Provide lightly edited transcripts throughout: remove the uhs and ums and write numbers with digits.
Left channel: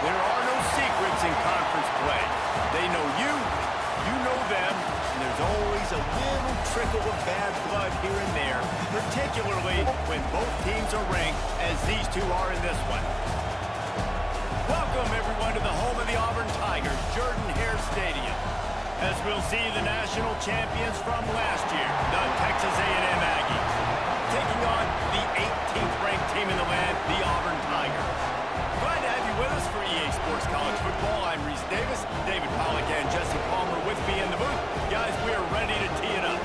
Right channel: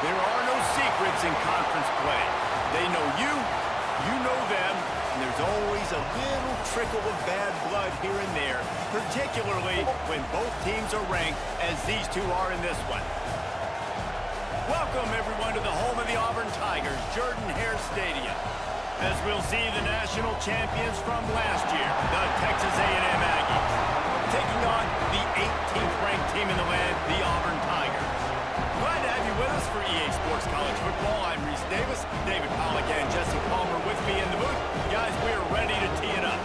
There are no secrets in conference play. They know you, you know them, and there's always a little trickle of bad blood here and there, particularly when both teams are ranked, as these two are in this one. Welcome, everyone, to the home of the Auburn Tigers, Jordan-Hare Stadium. As we'll see the national champions from last year, the Texas A&M Aggies, taking on the 18th ranked team in the land, the Auburn Tigers. Glad to have you with us for EA Sports College Football. I'm Reese Davis, David Pollack and Jesse Palmer with me in the booth. Guys, we are ready to tee it up.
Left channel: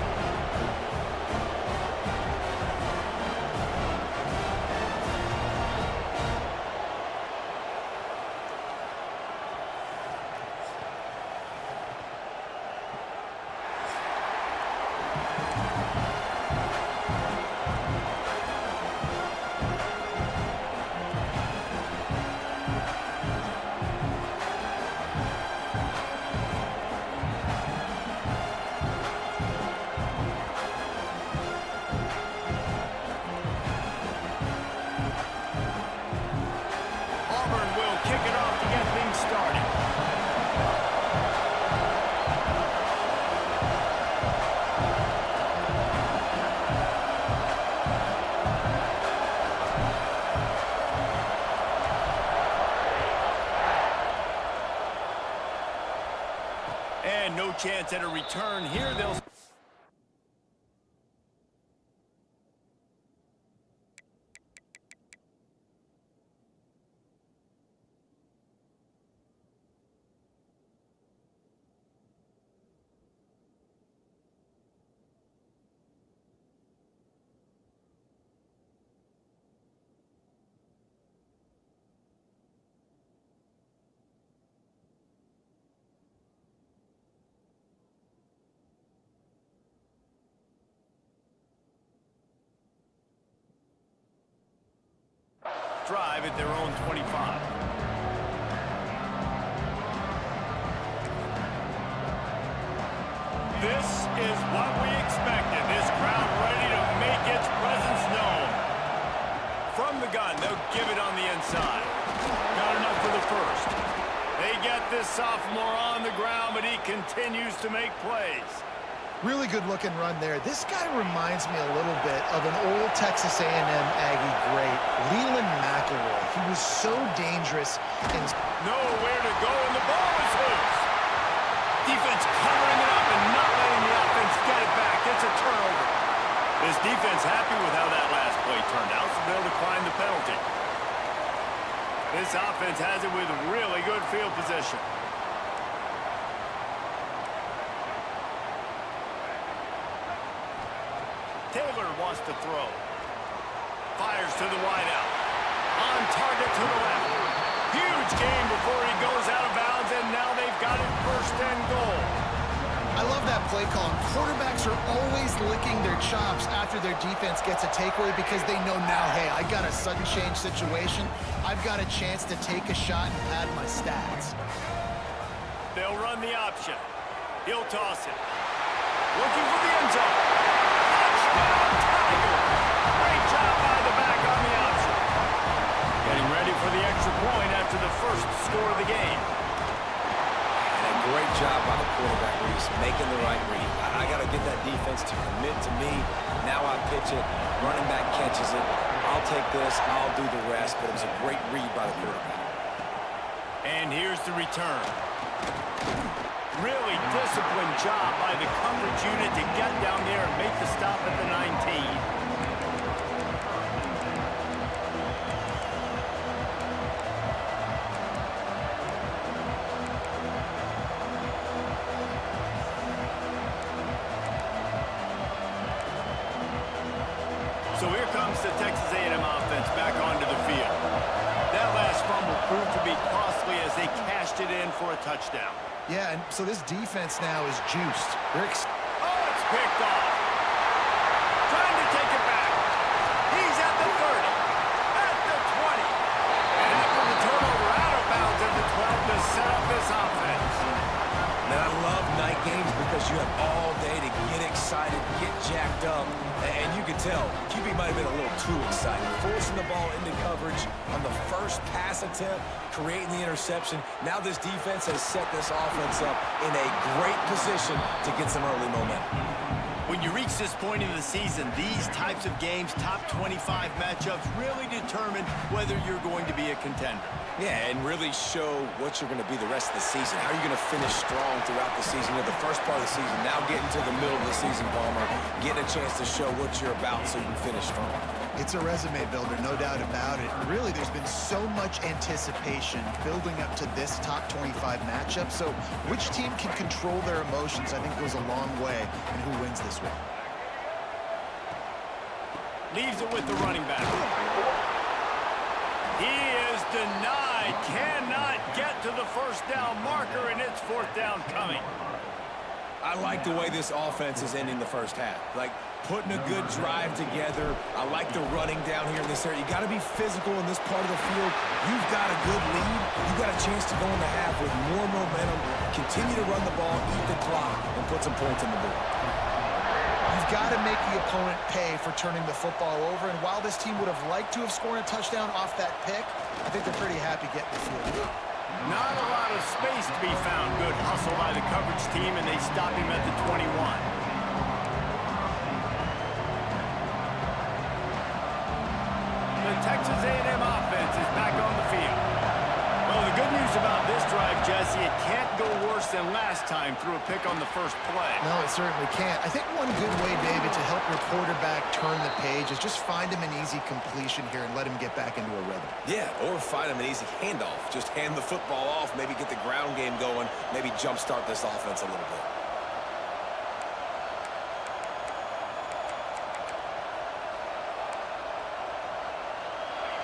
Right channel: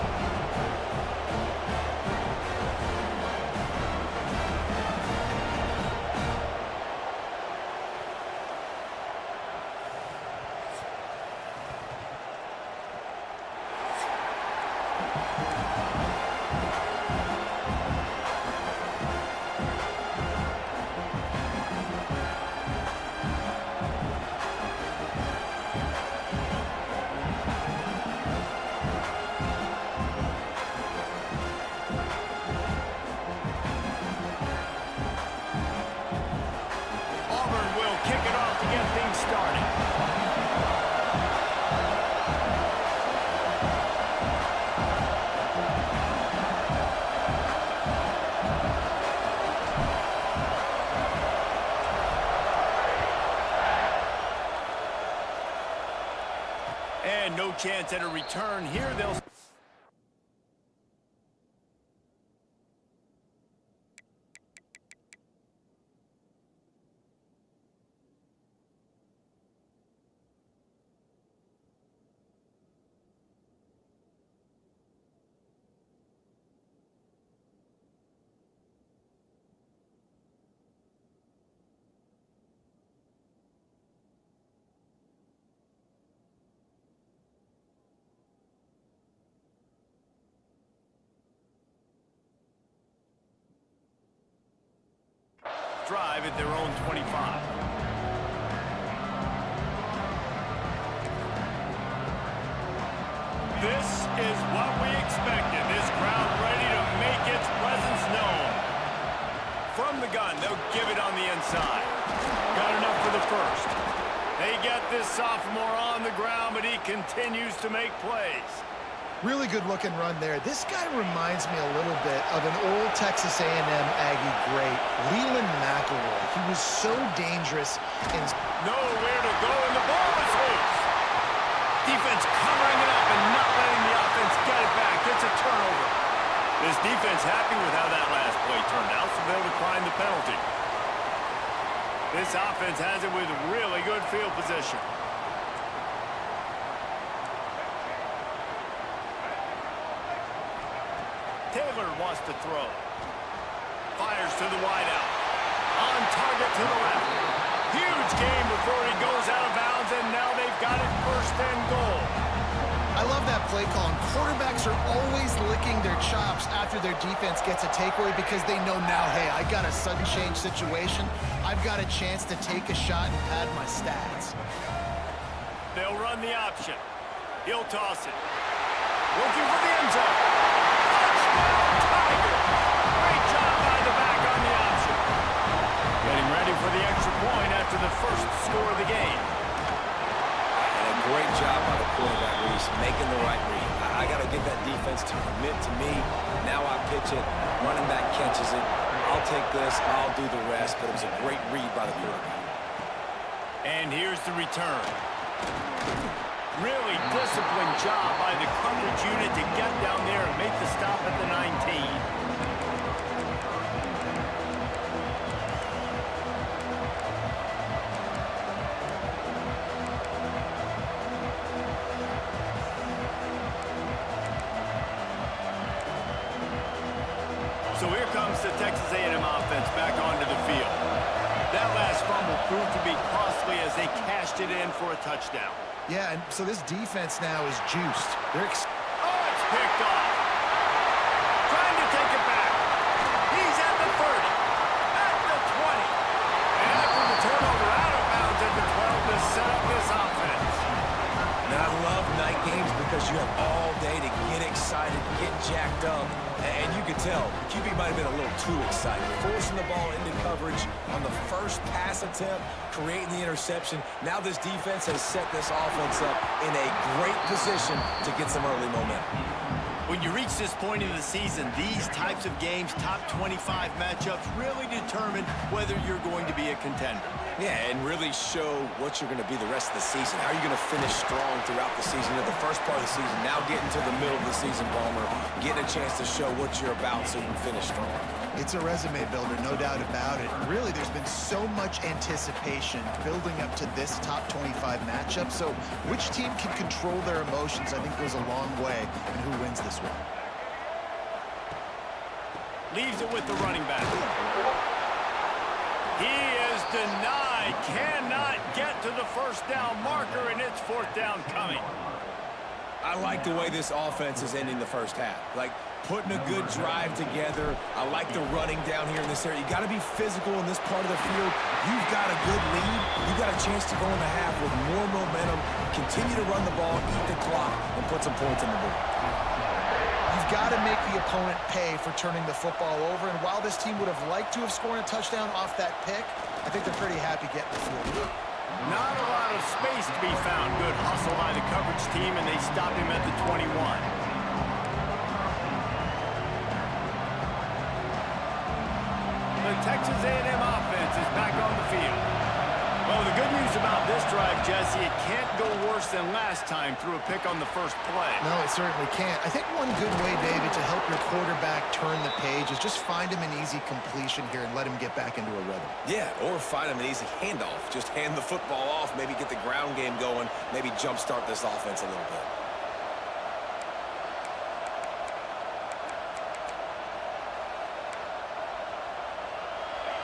Kick it off to get things started. And no chance at a return here. They'll... drive at their own 25. This is what we expected. This crowd ready to make its presence known. From the gun, they'll give it on the inside. Got enough for the first. They get this sophomore on the ground, but he continues to make plays. Really good-looking run there. This guy reminds me a little bit of an old Texas A&M Aggie great, Leland McElroy. He was so dangerous and nowhere to go, and the ball is loose. Defense covering it up and not letting the offense get it back. It's a turnover. This defense happy with how that last play turned out, so they'll decline the penalty. This offense has it with really good field position. Taylor wants to throw. Fires to the wideout. On target to the left. Huge game before he goes out of bounds, and now they've got it 1st and goal. I love that play call. And quarterbacks are always licking their chops after their defense gets a takeaway because they know now, hey, I got a sudden change situation. I've got a chance to take a shot and pad my stats. They'll run the option. He'll toss it. Looking for the end zone. Touchdown, Tigers! Great job by the back on the option. Getting ready for the extra point after the first score of the game. And a great job by the quarterback, Reese, making the right read. I got to get that defense to commit to me. Now I pitch it. Running back catches it. I'll take this. I'll do the rest. But it was a great read by the quarterback. And here's the return. Really disciplined job by the coverage unit to get down there and make the stop at the 19. So here comes the Texas A&M offense back onto the field. That last fumble proved to be costly as they cashed it in for a touchdown. Yeah, and so this defense now is juiced. Oh, it's picked off. Trying to take it back. He's at the 30, at the 20. And after the turnover, out of bounds at the 12 to set up this offense. Man, I love night games because you have all day to get excited, get jacked up. And you can tell, QB might have been a little too excited. Forcing the ball into coverage on the first pass attempt, creating the interception. Now this defense has set this offense up in a great position to get some early momentum. When you reach this point in the season, these types of games, top 25 matchups, really determine whether you're going to be a contender. Yeah, and really show what you're going to be the rest of the season. How are you going to finish strong throughout the season? You know, the first part of the season, now getting to the middle of the season, Palmer, getting a chance to show what you're about so you can finish strong. It's a resume builder, no doubt about it. And really, there's been so much anticipation building up to this top 25 matchup. So which team can control their emotions, I think, goes a long way in who wins this one. Leaves it with the running back. He is denied. Cannot get to the first down marker, and it's fourth down coming. I like the way this offense is ending the first half. Like, putting a good drive together. I like the running down here in this area. You got to be physical in this part of the field. You've got a good lead. You got a chance to go in the half with more momentum, continue to run the ball, eat the clock, and put some points on the board. You've got to make the opponent pay for turning the football over. And while this team would have liked to have scored a touchdown off that pick, I think they're pretty happy getting the field. Not a lot of space to be found. Good hustle by the coverage team, and they stop him at the 21. The Texas A&M offense is back on the field. Well, the good news about this drive, Jesse, it can't go worse than last time through a pick on the first play. No, it certainly can't. I think one good way, David, to help your quarterback turn the page is just find him an easy completion here and let him get back into a rhythm. Yeah, or find him an easy handoff. Just hand the football off, maybe get the ground game going, maybe jumpstart this offense a little bit.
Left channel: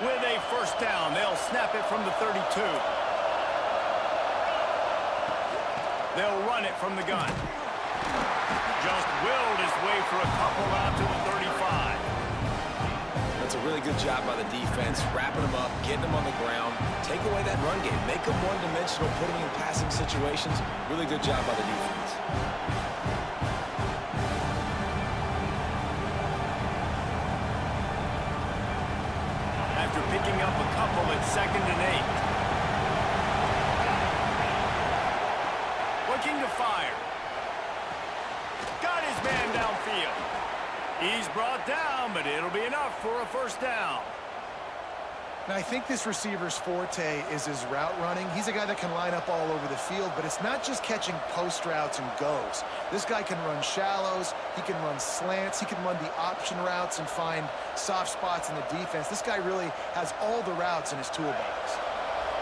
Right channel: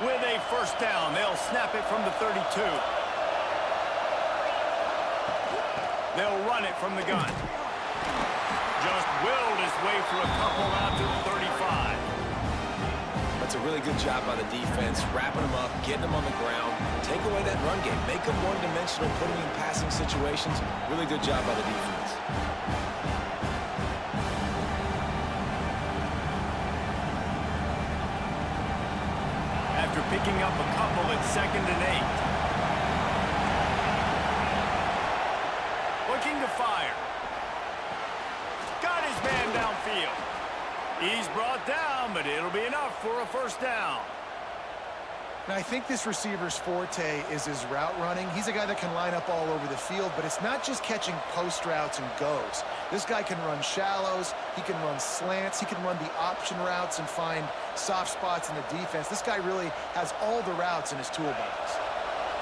With a first down, they'll snap it from the 32. They'll run it from the gun. Just willed his way for a couple out to the 35. That's a really good job by the defense, wrapping them up, getting them on the ground, take away that run game, make them one-dimensional, put them in passing situations. Really good job by the defense. After picking up a couple at 2nd and 8. Looking to fire. Got his man downfield. He's brought down, but it'll be enough for a first down. And I think this receiver's forte is his route running. He's a guy that can line up all over the field, but it's not just catching post routes and goes. This guy can run shallows, he can run slants, he can run the option routes and find soft spots in the defense. This guy really has all the routes in his toolbox.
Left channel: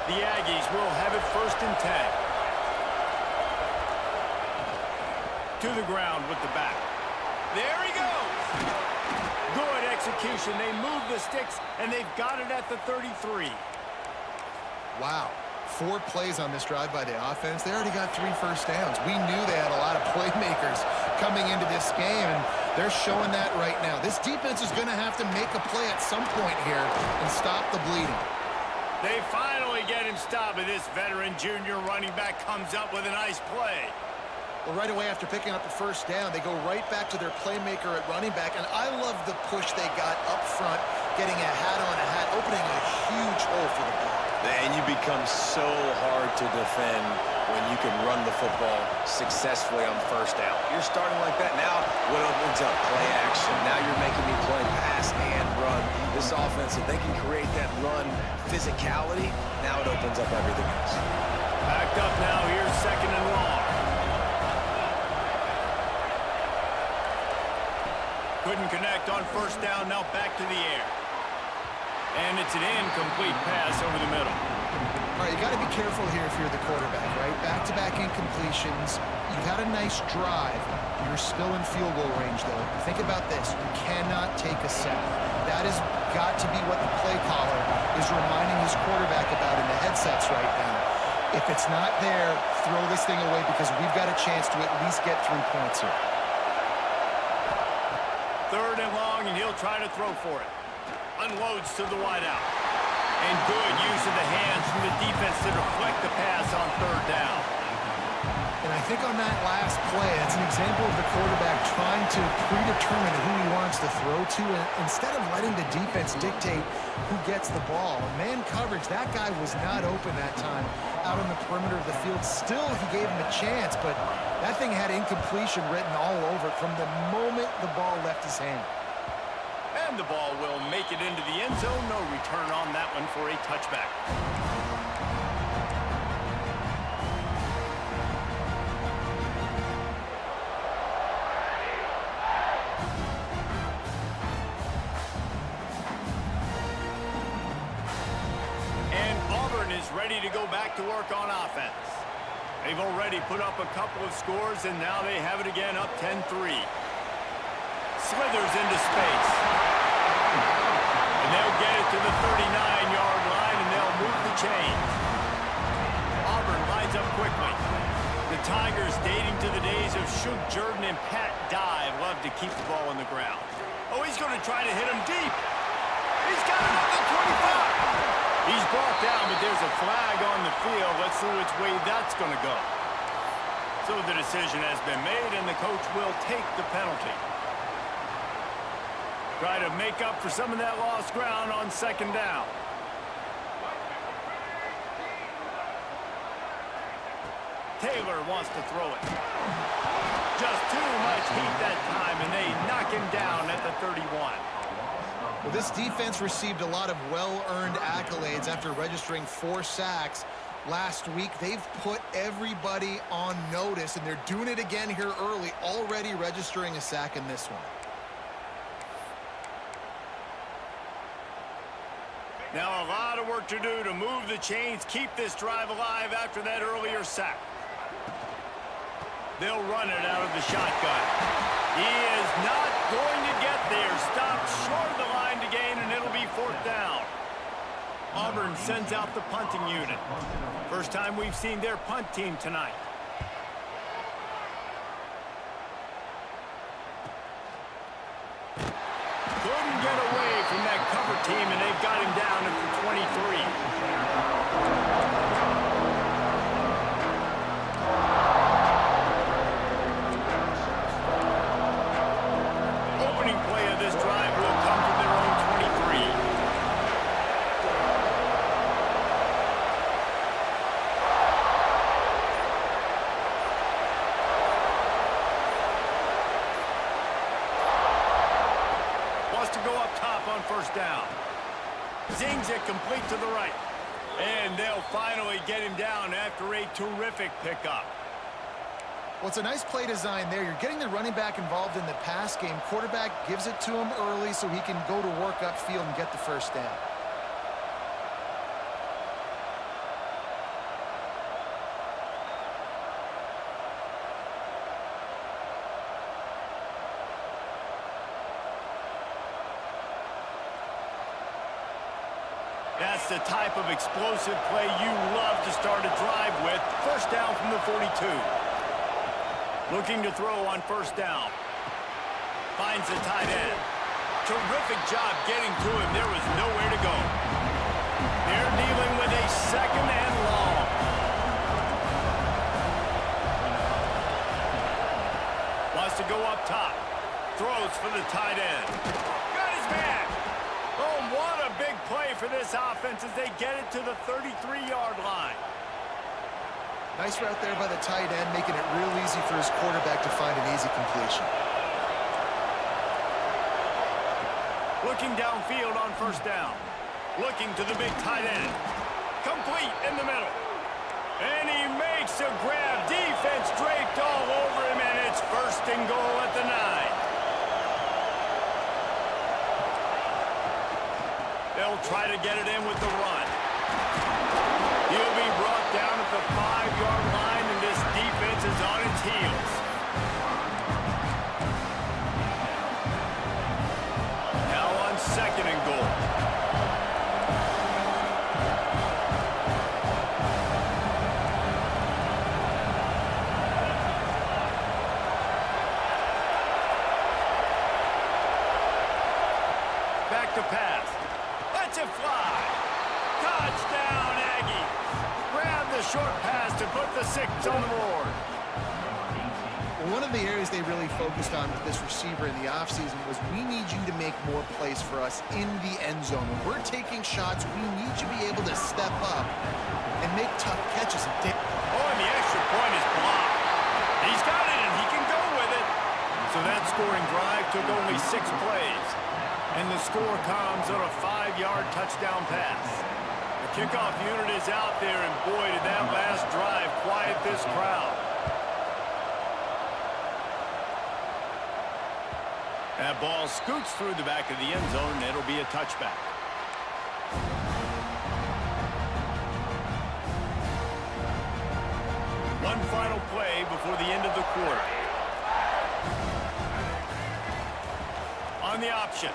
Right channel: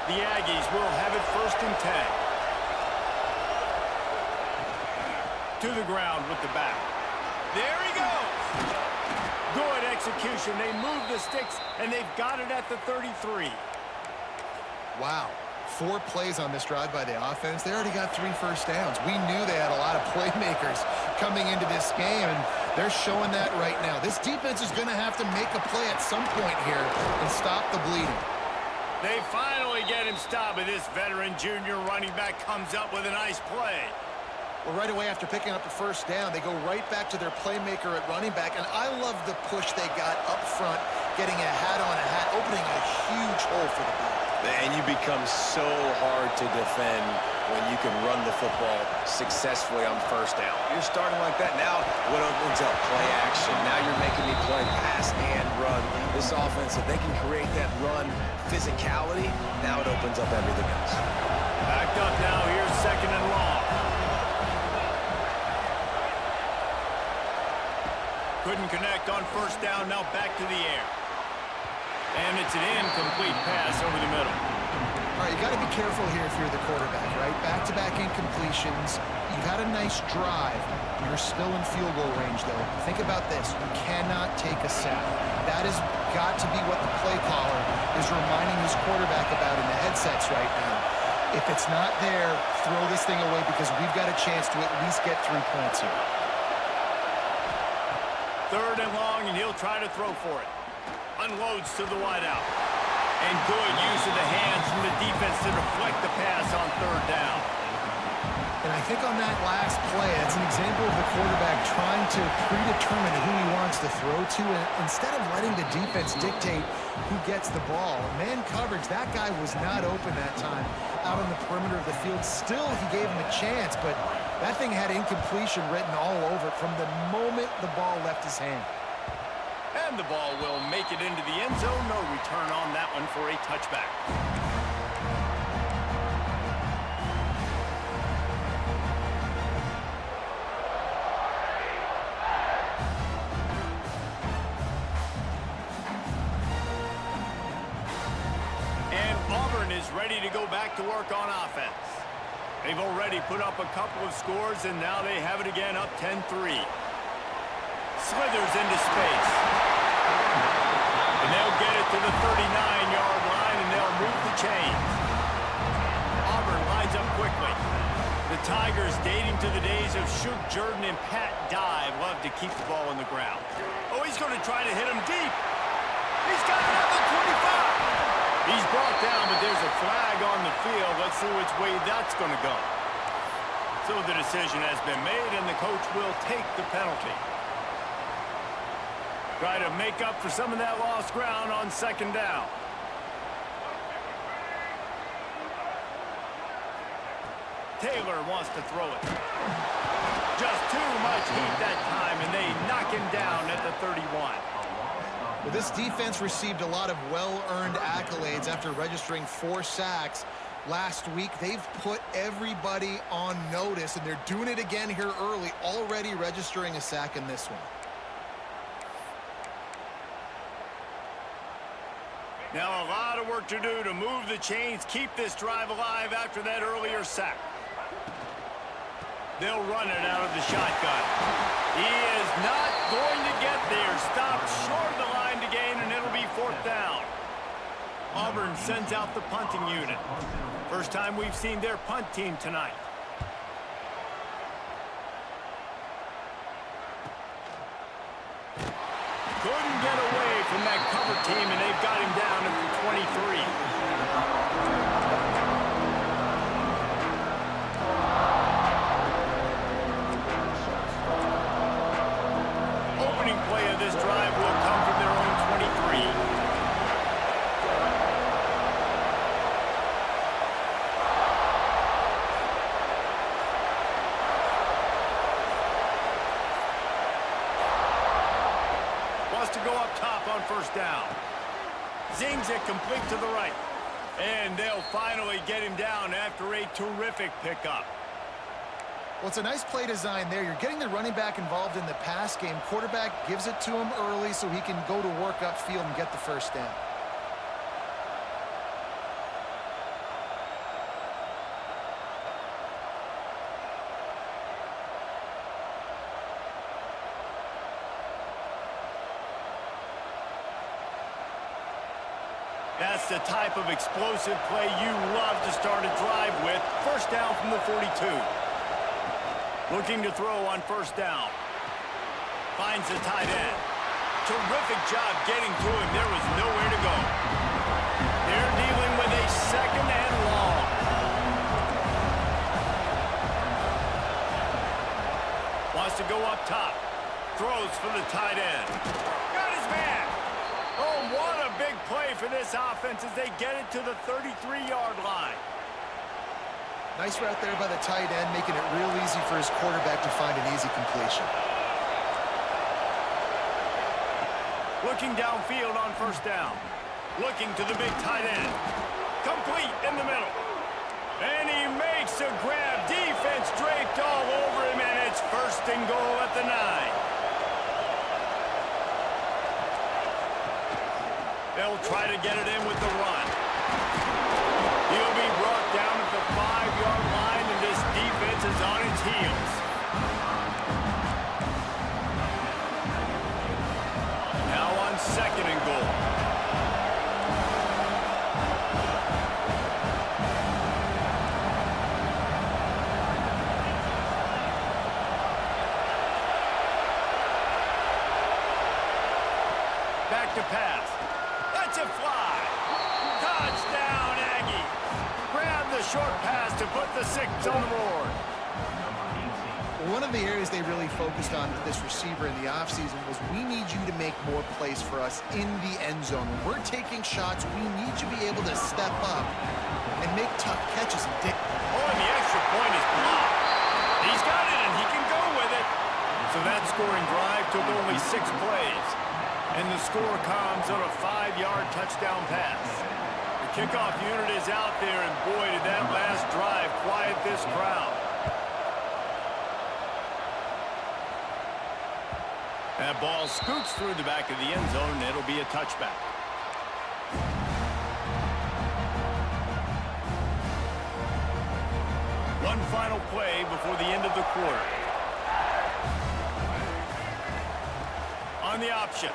The Aggies will have it 1st and 10. To the ground with the back. There he goes. Good execution. They move the sticks, and they've got it at the 33. Wow. 4 plays on this drive by the offense. They already got 3 first downs. We knew they had a lot of playmakers coming into this game, and they're showing that right now. This defense is going to have to make a play at some point here and stop the bleeding. They finally get him stopped, and this veteran junior running back comes up with a nice play. Well, right away after picking up the first down, they go right back to their playmaker at running back, and I love the push they got up front, getting a hat on a hat, opening a huge hole for the ball. And you become so hard to defend when you can run the football successfully on first down. You're starting like that. Now, what opens up? Play action. Now you're making me play pass and run. This offense, if they can create that run physicality, now it opens up everything else. Backed up now. Here's 2nd and long. Couldn't connect on first down. Now back to the air. And it's an incomplete pass over the middle. All right, you got to be careful here if you're the quarterback, right? Back-to-back incompletions. You've had a nice drive. You're still in field goal range, though. Think about this. You cannot take a sack. That has got to be what the play caller is reminding his quarterback about in the headsets right now. If it's not there, throw this thing away because we've got a chance to at least get 3 points here. 3rd and long, and he'll try to throw for it. Unloads to the wideout. And good use of the hands from the defense to deflect the pass on 3rd down. And I think on that last play, that's an example of the quarterback trying to predetermine who he wants to throw to, and instead of letting the defense dictate who gets the ball. Man coverage, that guy was not open that time out on the perimeter of the field. Still, he gave him a chance, but that thing had incompletion written all over it from the moment the ball left his hand. And the ball will make it into the end zone. No return on that one for a touchback. And Auburn is ready to go back to work on offense. They've already put up a couple of scores, and now they have it again, up 10-3. Slithers into space. And they'll get it to the 39-yard line, and they'll move the chains. Auburn lines up quickly. The Tigers, dating to the days of Shug Jordan and Pat Dye, love to keep the ball on the ground. Oh, he's going to try to hit him deep. He's got it at the 25. He's brought down, but there's a flag on the field. Let's see which way that's going to go. So the decision has been made, and the coach will take the penalty. Try to make up for some of that lost ground on 2nd down. Taylor wants to throw it. Just too much heat that time, and they knock him down at the 31. Well, this defense received a lot of well-earned accolades after registering 4 sacks last week. They've put everybody on notice, and they're doing it again here early, already registering a sack in this one. Now a lot of work to do to move the chains, keep this drive alive after that earlier sack. They'll run it out of the shotgun. He is not going to get there. Stopped short of the line to gain, and it'll be 4th down. Auburn sends out the punting unit. First time we've seen their punt team tonight. Couldn't get away from that cover team, and they've got him down at the 23. Opening play of this drive will come from their own 23. Wants to go up top on 1st down. Zings it complete to the right. And they'll finally get him down after a terrific pickup. Well, it's a nice play design there. You're getting the running back involved in the pass game. Quarterback gives it to him early so he can go to work upfield and get the 1st down. That's the type of explosive play you love to start a drive with. First down from the 42. Looking to throw on first down. Finds the tight end. Terrific job getting to him. There was nowhere to go. They're dealing with a second and long. Wants to go up top. Throws for the tight end. Got his man. Oh, what a big play for this offense as they get it to the 33-yard line. Nice route there by the tight end, making it real easy for his quarterback to find an easy completion. Looking downfield on first down. Looking to the big tight end. Complete in the middle. And he makes a grab. Defense draped all over him, and it's first and goal at the 9. They'll try to get it in with the run. He'll be brought down at the 5-yard line, and this defense is on its heels. Now on second and goal. Back to pass. Lets it fly. Touchdown, Aggies. Grab the short pass to put the 6 on the board. One of the areas they really focused on with this receiver in the offseason was we need you to make more plays for us in the end zone. When we're taking shots, we need you to be able to step up and make tough catches. Oh, and the extra point is blocked. He's got it, and he can go with it. So that scoring drive took only 6 plays. And the score comes on a 5-yard touchdown pass. The kickoff unit is out there, and boy, did that last drive quiet this crowd. That ball scoots through the back of the end zone, and it'll be a touchback. One final play before the end of the quarter. On the option.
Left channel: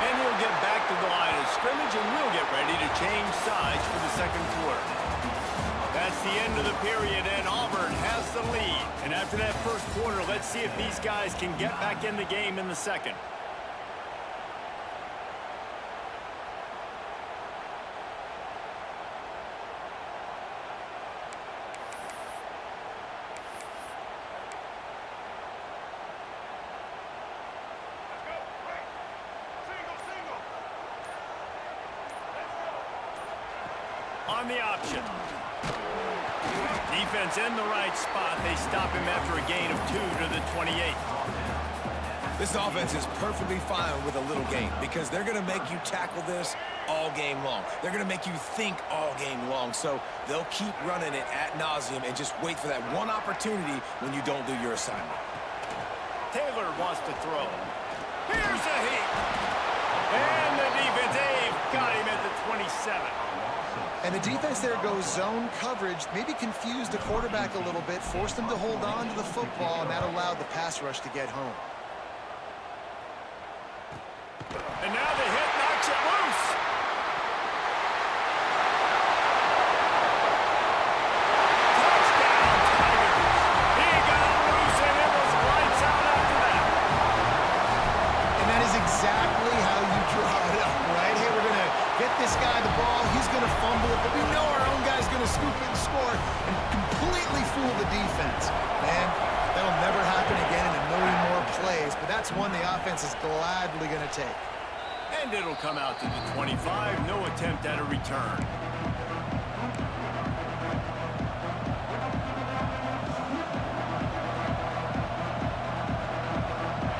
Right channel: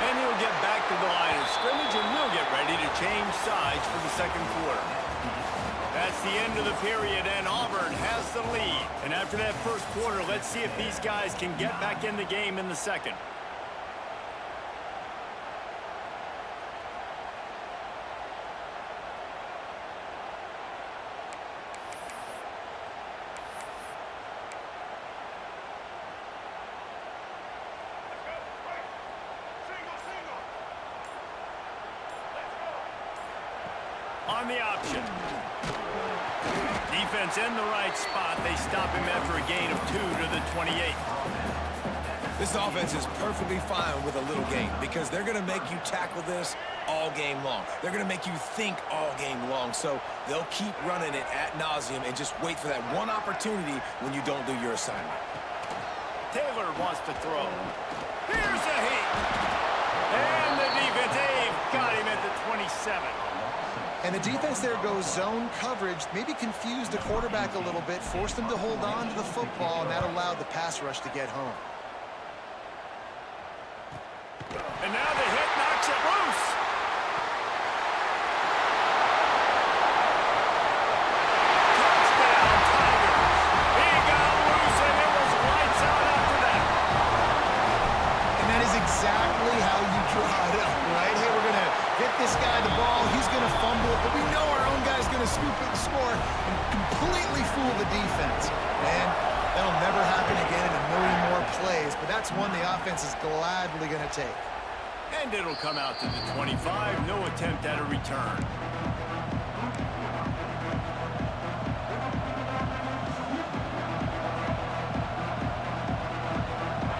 And he'll get back to the line of scrimmage, and we'll get ready to change sides for the second quarter. That's the end of the period, and Auburn has the lead. And after that first quarter, let's see if these guys can get back in the game in the second. On the option. Defense in the right spot. They stop him after a gain of 2 to the 28. This offense is perfectly fine with a little gain because they're going to make you tackle this all game long. They're going to make you think all game long. So they'll keep running it ad nauseum and just wait for that one opportunity when you don't do your assignment. Taylor wants to throw. Here's a heat. And the defense, got him at the 27. And the defense there goes zone coverage, maybe confused the quarterback a little bit, forced him to hold on to the football, and that allowed the pass rush to get home. And now the hit knocks it loose. Touchdown, Tigers. He got loose, and it was lights out after that. And that is exactly how you draw it up, right? Hey, we're going to get this guy the ball. He's going to fumble it, but we know our own guy's going to scoop it and score and completely fool the defense. Man, that'll never happen again in a million more plays, but that's one the offense is gladly going to take. And it'll come out to the 25. No attempt at a return.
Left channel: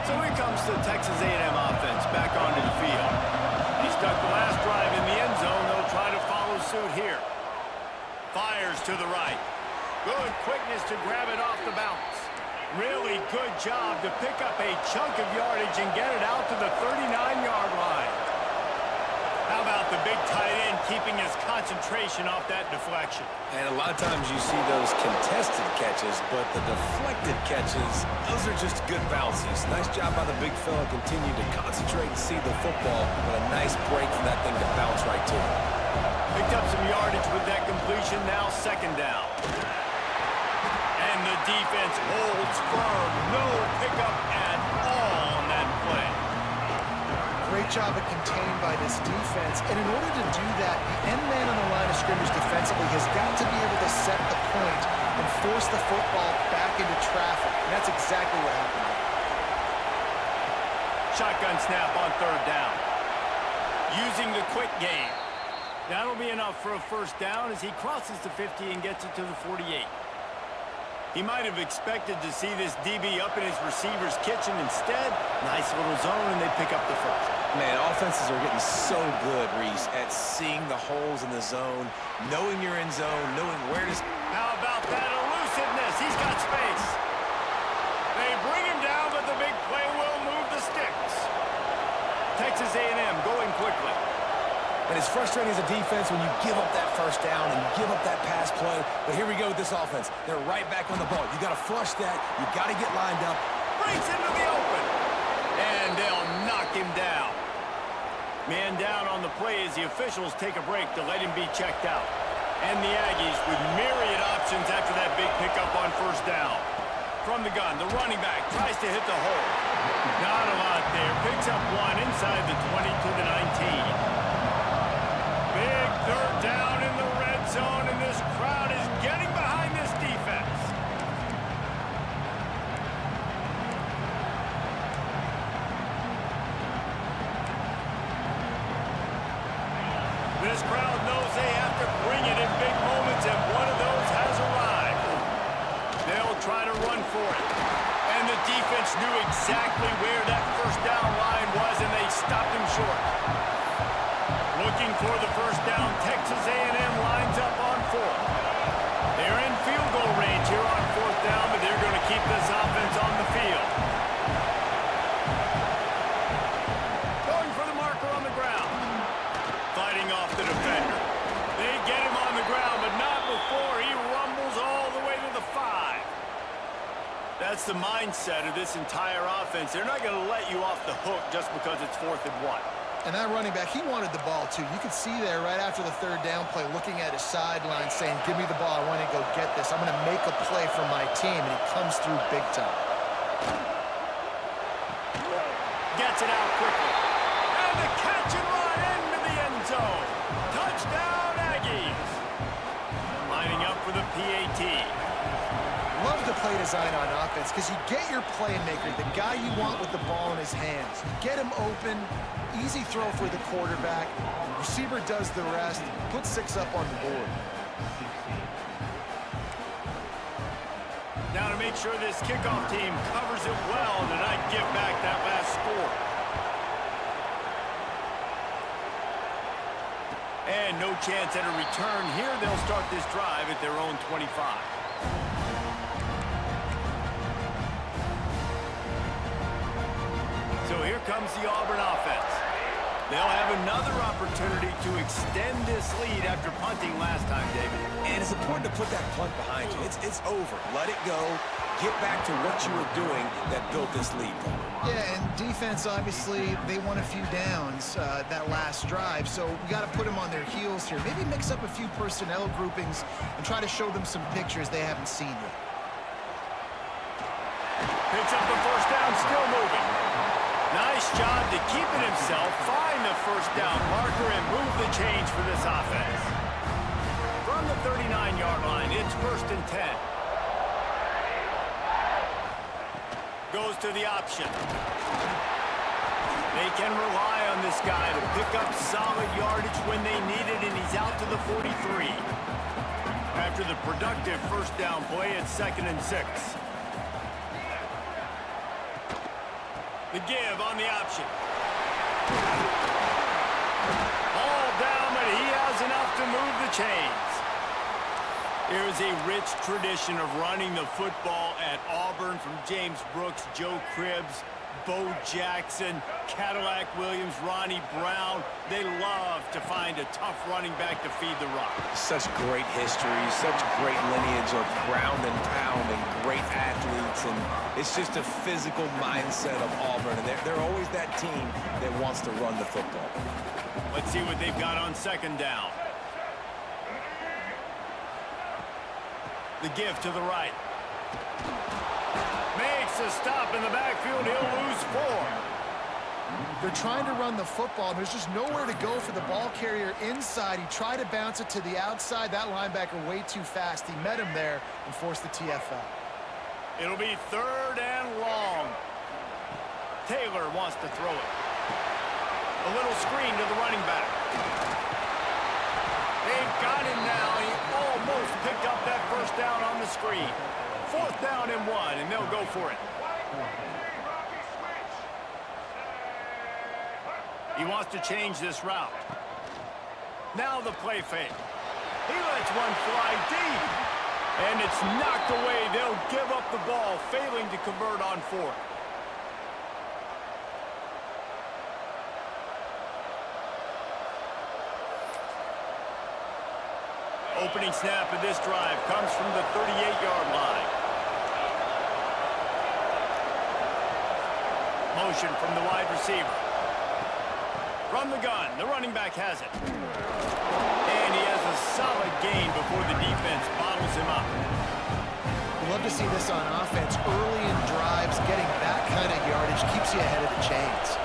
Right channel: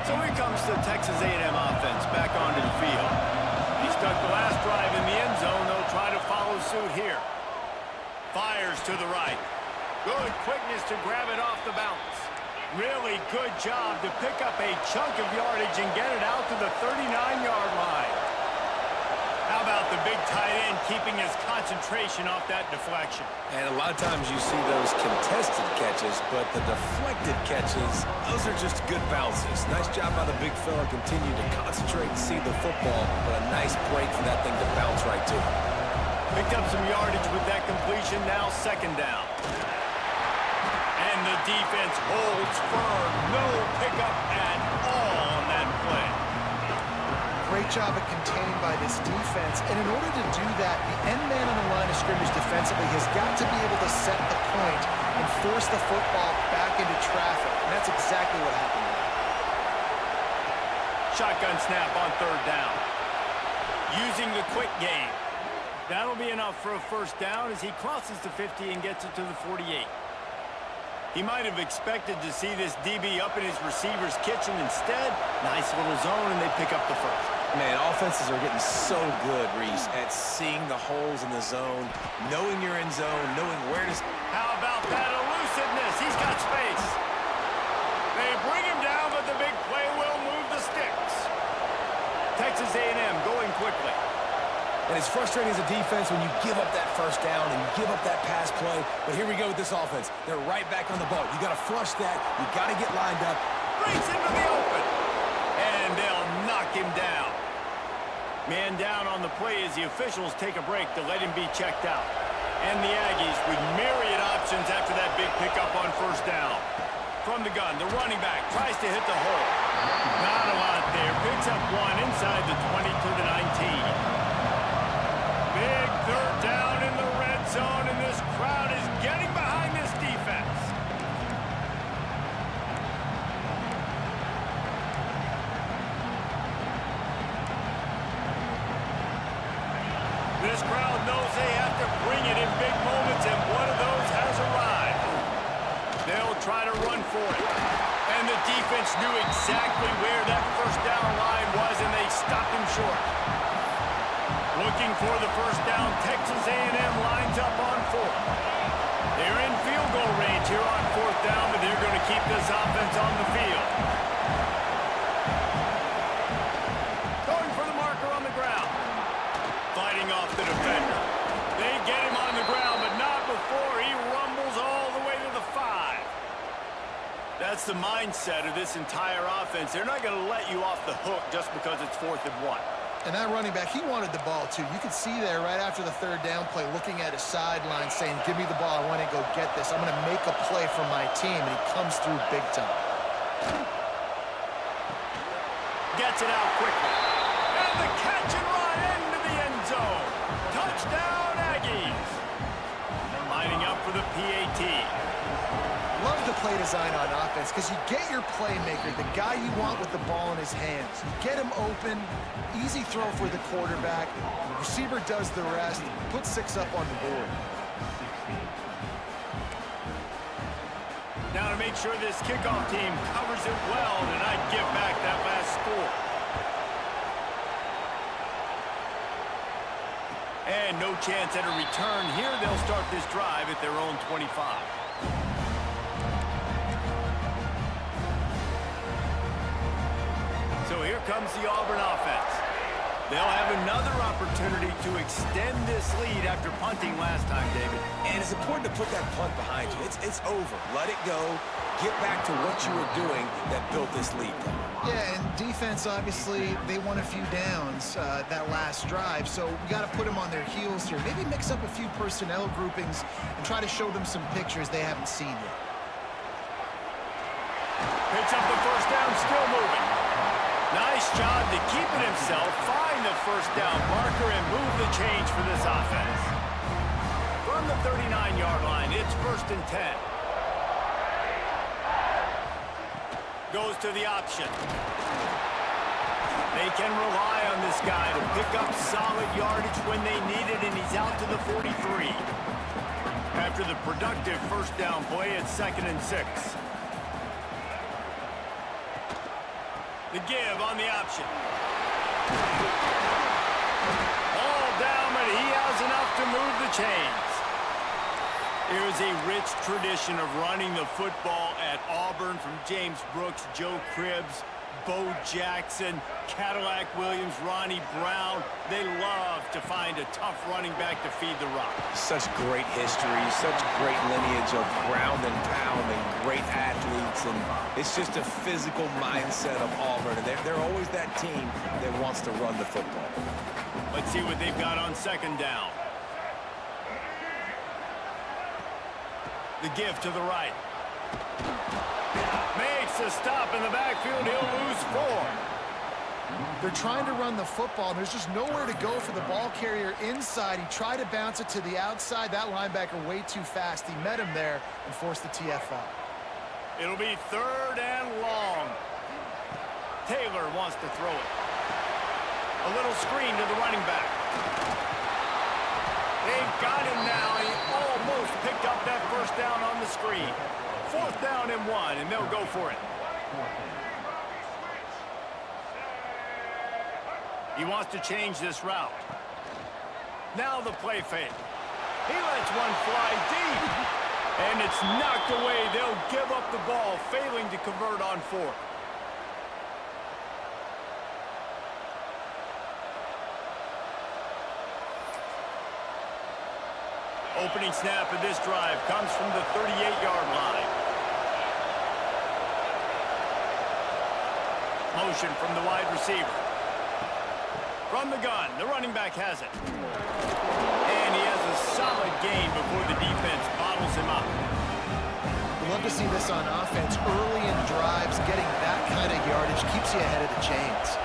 So here comes the Texas A&M offense back onto the field. He stuck the last drive in the end zone. They'll try to follow suit here. Fires to the right. Good quickness to grab it off the bounce. Really good job to pick up a chunk of yardage and get it out to the 39-yard line. How about the big tight end keeping his concentration off that deflection? And a lot of times you see those contested catches, but the deflected catches, those are just good bounces. Nice job by the big fella. Continue to concentrate and see the football, but a nice break for that thing to bounce right to him. Picked up some yardage with that completion, now second down. And the defense holds firm. No pickup at all on that play. Great job of contained by this defense. And in order to do that, the end man on the line of scrimmage defensively has got to be able to set the point and force the football back into traffic. And that's exactly what happened there. Shotgun snap on third down. Using the quick game. That'll be enough for a first down as he crosses the 50 and gets it to the 48. He might have expected to see this DB up in his receiver's kitchen. Instead, nice little zone, and they pick up the first. Man, offenses are getting so good, Reese, at seeing the holes in the zone, knowing you're in zone, knowing where to... How about that elusiveness? He's got space. They bring him down, but the big play will move the sticks. Texas A&M going quickly. And it's frustrating as a defense when you give up that first down and you give up that pass play. But here we go with this offense. They're right back on the ball. You got to flush that. You got to get lined up. Breaks into the open. And they'll knock him down. Man down on the play as the officials take a break to let him be checked out. And the Aggies with myriad options after that big pickup on first down. From the gun, the running back tries to hit the hole. Not a lot there. Picks up one inside the 20 to the 19. Big third down in the red zone, and this crowd is getting behind this defense. This crowd knows they have to bring it in big moments, and one of those has arrived. They'll try to run for it. And the defense knew exactly where that first down line was, and they stopped him short. Looking for the first down, Texas A&M lines up on fourth. They're in field goal range here on fourth down, but they're going to keep this offense on the field. Going for the marker on the ground. Fighting off the defender. They get him on the ground, but not before he rumbles all the way to the 5. That's the mindset of this entire offense. They're not going to let you off the hook just because it's 4th and 1. And that running back, he wanted the ball, too. You could see there right after the third down play, looking at his sideline, saying, give me the ball. I want to go get this. I'm going to make a play for my team. And he comes through big time. Gets it out quickly. And the catch and run into the end zone. Touchdown, Aggies. Lining up for the PAT. Love the play design on offense because you get your playmaker, the guy you want with the ball in his hands. You get him open, easy throw for the quarterback. The receiver does the rest, put 6 up on the board. Now to make sure this kickoff team covers it well to not give back that last score. And no chance at a return here. They'll start this drive at their own 25. So here comes the Auburn offense. They'll have another opportunity to extend this lead after punting last time, David. And it's important to put that punt behind you. It's over. Let it go. Get back to what you were doing that built this lead. Yeah, and defense, obviously, they won a few downs that last drive, so we got to put them on their heels here. Maybe mix up a few personnel groupings and try to show them some pictures they haven't seen yet. Picks up the first down, still moving. Nice job to keep it himself, find the first down marker, and move the change for this offense. From the 39-yard line, it's 1st and 10. Goes to the option. They can rely on this guy to pick up solid yardage when they need it, and he's out to the 43. After the productive first down play, it's 2nd and 6. The give on the option. All down, but he has enough to move the chains. There's a rich tradition of running the football at Auburn, from James Brooks, Joe Cribbs, Bo Jackson, Cadillac Williams, Ronnie Brown. They love to find a tough running back to feed the rock. Such great history, such great lineage of ground and pound and great athletes. And it's just a physical mindset of Auburn. And they're always that team that wants to run the football. Let's see what they've got on second down. The give to the right. Makes a stop in the backfield. He'll lose 4. They're trying to run the football, and there's just nowhere to go for the ball carrier inside. He tried to bounce it to the outside. That linebacker way too fast. He met him there and forced the TFL. It'll be 3rd and long. Taylor wants to throw it. A little screen to the running back. They've got him now. He almost picked up that first down on the screen. 4th down and 1, and they'll go for it. He wants to change this route. Now the play fake. He lets one fly deep. And it's knocked away. They'll give up the ball, failing to convert on 4th. Opening snap of this drive comes from the 38-yard line. Motion from the wide receiver. From the gun, the running back has it. And he has a solid gain before the defense bottles him up. We love to see this on offense. Early in drives, getting that kind of yardage keeps you ahead of the chains.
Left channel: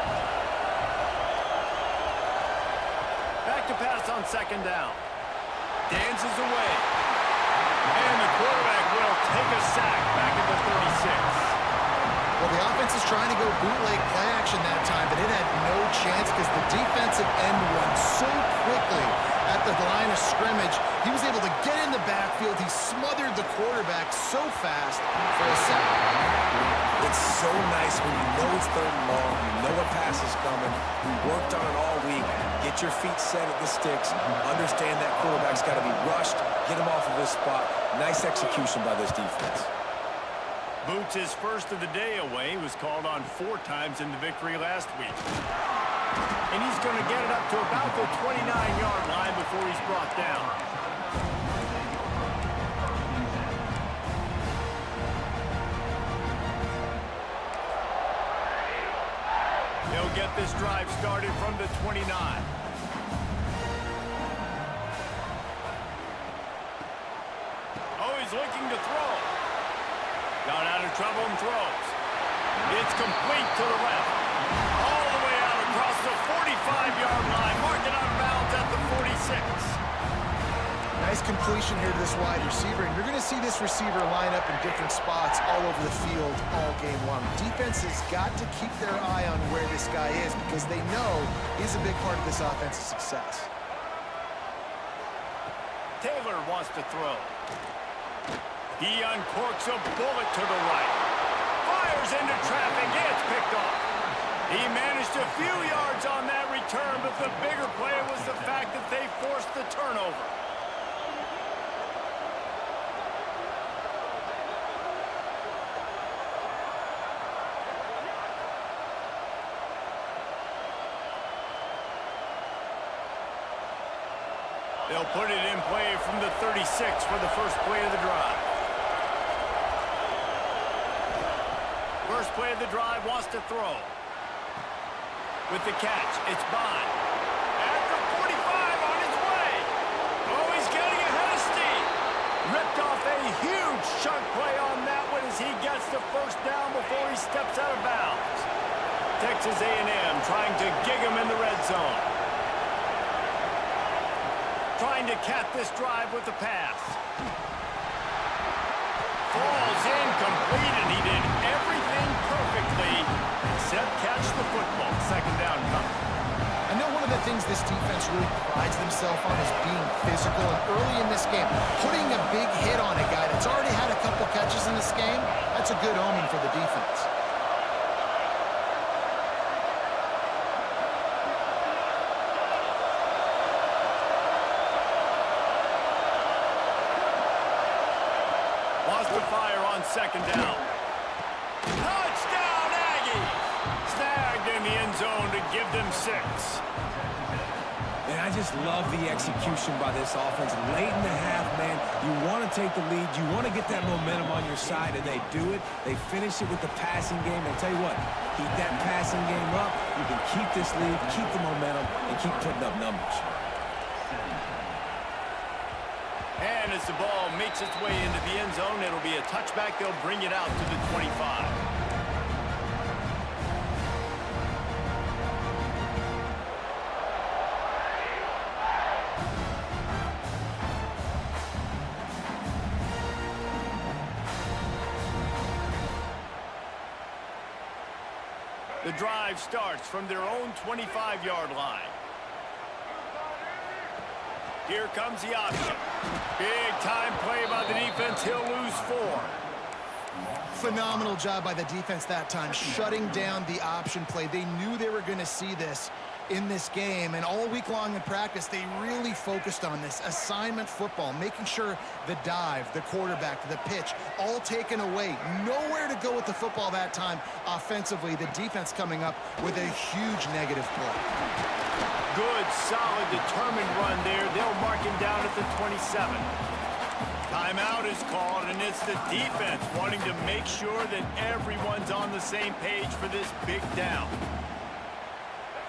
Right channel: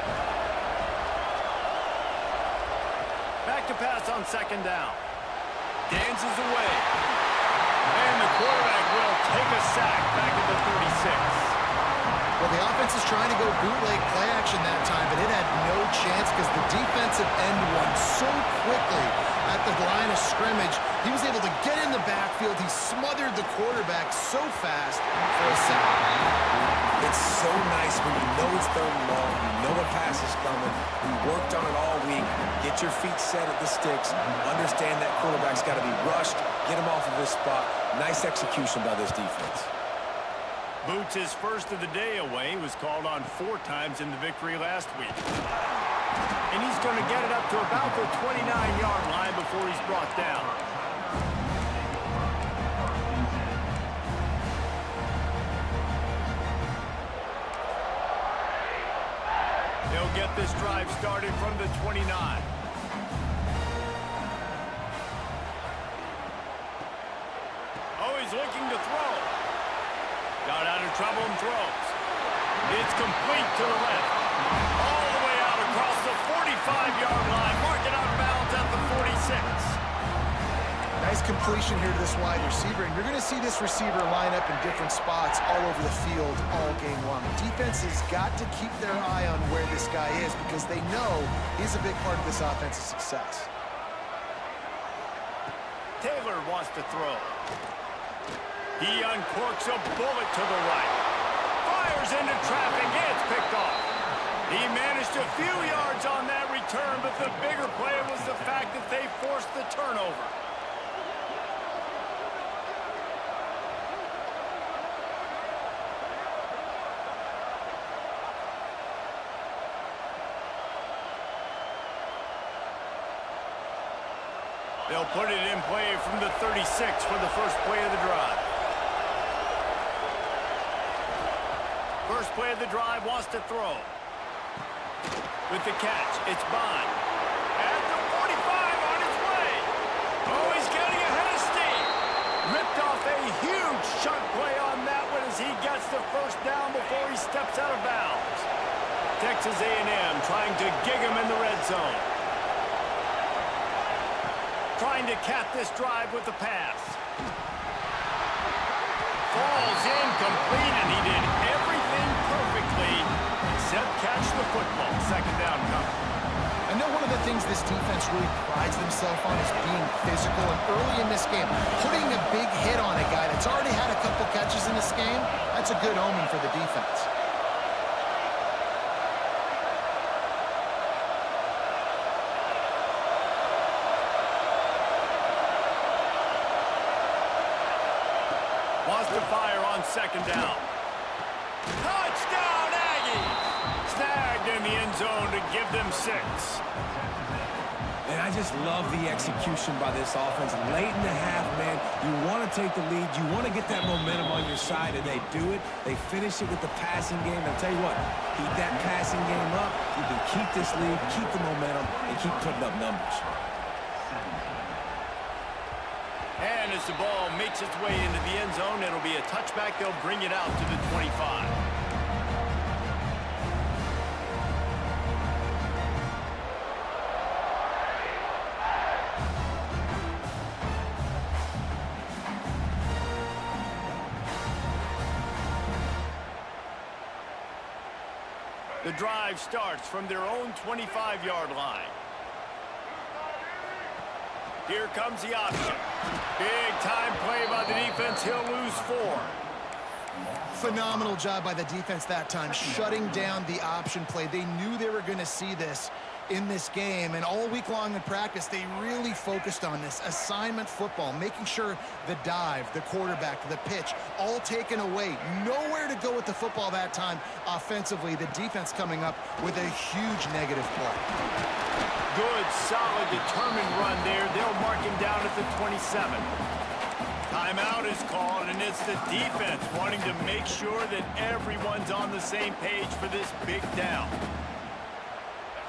Back to pass on second down. Dances away. And the quarterback will take a sack back at the 36. Well, the offense is trying to go bootleg play action that time, but it had no chance because the defensive end won so quickly at the line of scrimmage. He was able to get in the backfield. He smothered the quarterback so fast for a sack. It's so nice when you know it's 3rd and long, you know a pass is coming, you worked on it all week, get your feet set at the sticks, understand that quarterback's got to be rushed, get him off of his spot. Nice execution by this defense. Boots, his first of the day away, was called on 4 times in the victory last week. And he's going to get it up to about the 29-yard line before he's brought down. They'll get this drive started from the 29. Oh, he's looking to throw. Got out of trouble and throws. It's complete to the left. All the way out across the 45-yard line. Mark it out of bounds at the 46. Nice completion here to this wide receiver, and you're going to see this receiver line up in different spots all over the field all game long. Defense has got to keep their eye on where this guy is because they know he's a big part of this offense's success. Taylor wants to throw. He uncorks a bullet to the right. Fires into traffic. It's picked off. He managed a few yards on that return, but the bigger play was the fact that they forced the turnover. They'll put it in play from the 36 for the first play of the drive. First play of the drive wants to throw. With the catch, it's Bond. At the 45 on his way. Oh, he's getting ahead of steam. Ripped off a huge chunk play on that one as he gets the first down before he steps out of bounds. Texas A&M trying to gig him in the red zone. Trying to cap this drive with the pass. Falls incomplete, and he did everything perfectly except catch the football. Second down coming. I know one of the things this defense really prides themselves on is being physical, and early in this game, putting a big hit on a guy that's already had a couple catches in this game, that's a good omen for the defense. Wants to fire on second down. Touchdown, Aggies! in the end zone to give them 6. And I just love the execution by this offense. Late in the half, man, you want to take the lead. You want to get that momentum on your side, and they do it. They finish it with the passing game. And I'll tell you what, keep that passing game up. You can keep this lead, keep the momentum, and keep putting up numbers. And as the ball makes its way into the end zone, it'll be a touchback. They'll bring it out to the 25. The drive starts from their own 25-yard line. Here comes the option. Big time play by the defense. He'll lose 4. Phenomenal job by the defense that time, shutting down the option play. They knew they were going to see this in this game, and all week long in practice, they really focused on this assignment football, making sure the dive, the quarterback, the pitch, all taken away. Nowhere to go with the football that time offensively. The defense coming up with a huge negative play. Good, solid, determined run there. They'll mark him down at the 27. Timeout is called, and it's the defense wanting to make sure that everyone's on the same page for this big down.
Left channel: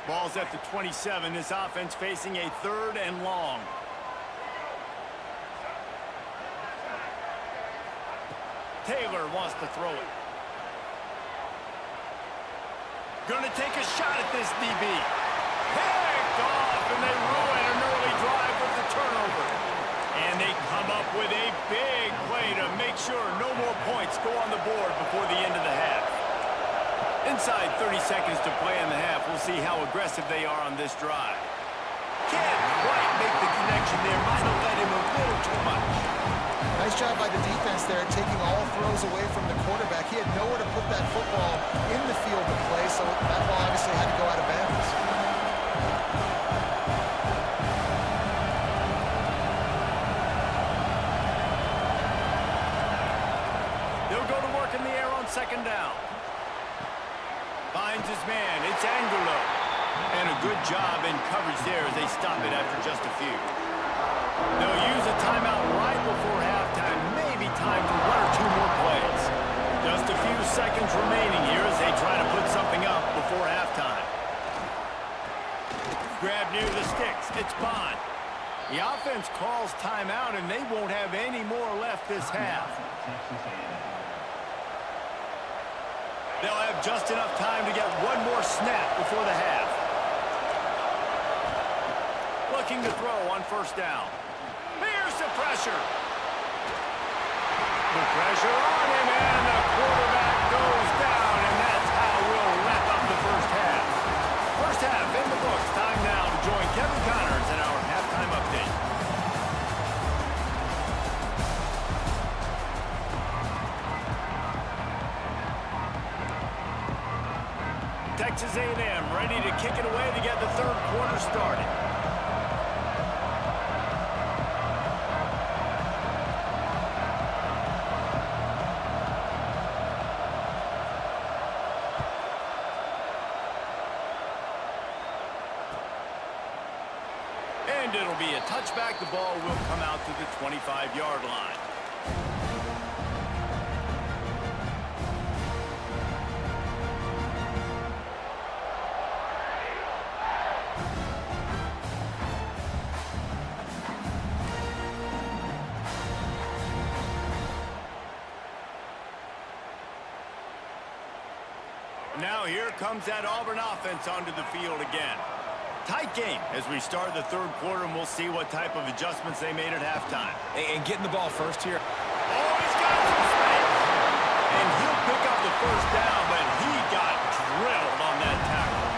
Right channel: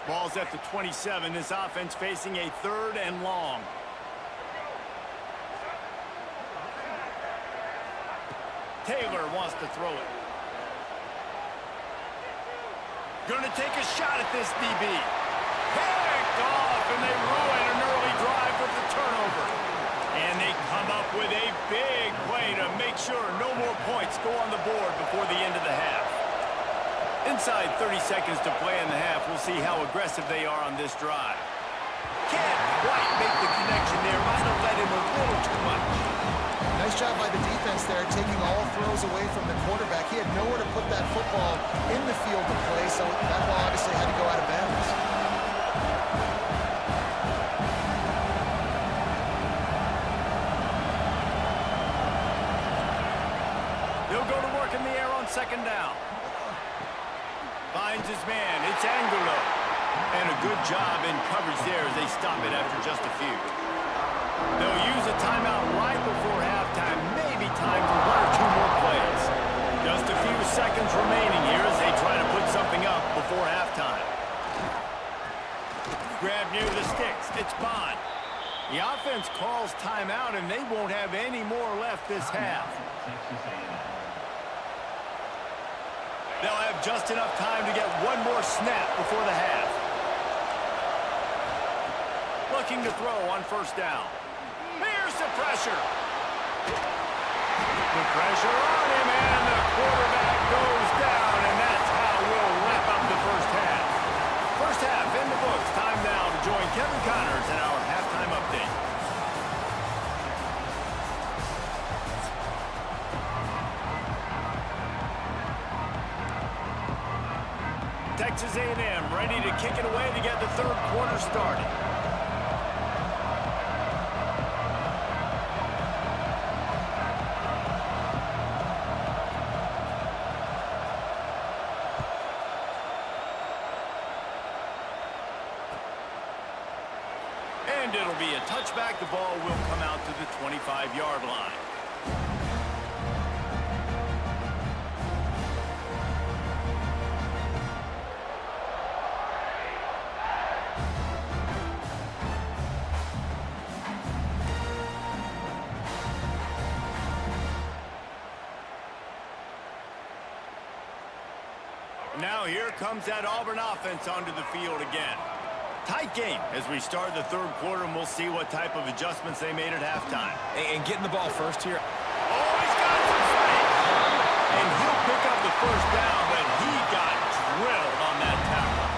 Ball's at the 27. This offense facing a 3rd and long. Taylor wants to throw it. Gonna take a shot at this DB. Picked off, and they ruin an early drive with the turnover. And they come up with a big play to make sure no more points go on the board before the end of the half. Inside 30 seconds to play in the half. We'll see how aggressive they are on this drive. Can't quite make the connection there. Might have led him a little too much. Nice job by the defense there, taking all throws away from the quarterback. He had nowhere to put that football in the field to play, so that ball obviously had to go out of bounds. He'll go to work in the air on 2nd down. Finds his man. It's Angulo. And a good job in coverage there as they stop it after just a few. They'll use a timeout right before halftime. Maybe time for 1 or 2 more plays. Just a few seconds remaining here as they try to put something up before halftime. Grab near the sticks. It's Bond. The offense calls timeout, and they won't have any more left this half. They'll have just enough time to get 1 more snap before the half. Looking to throw on 1st down. Here's the pressure. The pressure on him, and the quarterback goes down, and that's how we'll wrap up the 1st half. 1st half in the books. Time now to join Kevin Connors in our halftime update. Texas A&M ready to kick it away to get the 3rd quarter started. And it'll be a touchback. The ball will come out to the 25-yard line. Now here comes that Auburn offense onto the field again. Tight game as we start the 3rd quarter, and we'll see what type of adjustments they made at halftime. And getting the ball first here. Oh, he's got some space. And he'll pick up the 1st down, but he got drilled on that tackle.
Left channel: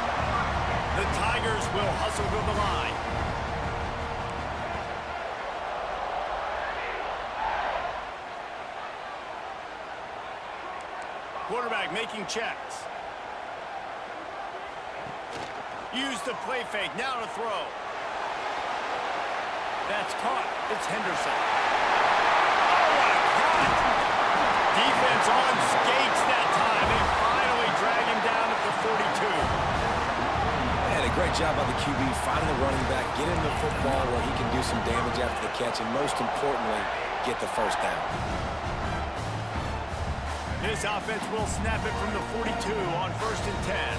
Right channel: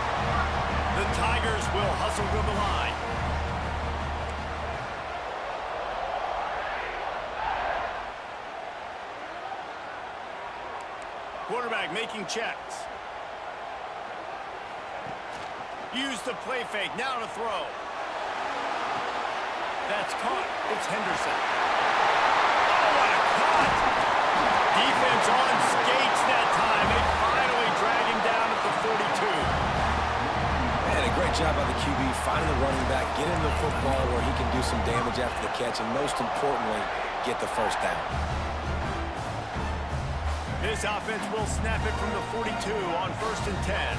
The Tigers will hustle to the line. Quarterback making checks. Use the play fake. Now to throw. That's caught. It's Henderson. Oh, what a cut. Defense on skates that time. They finally drag him down at the 42. Great job by the QB, finding the running back, get him the football where he can do some damage after the catch, and most importantly, get the first down. This offense will snap it from the 42 on 1st and 10.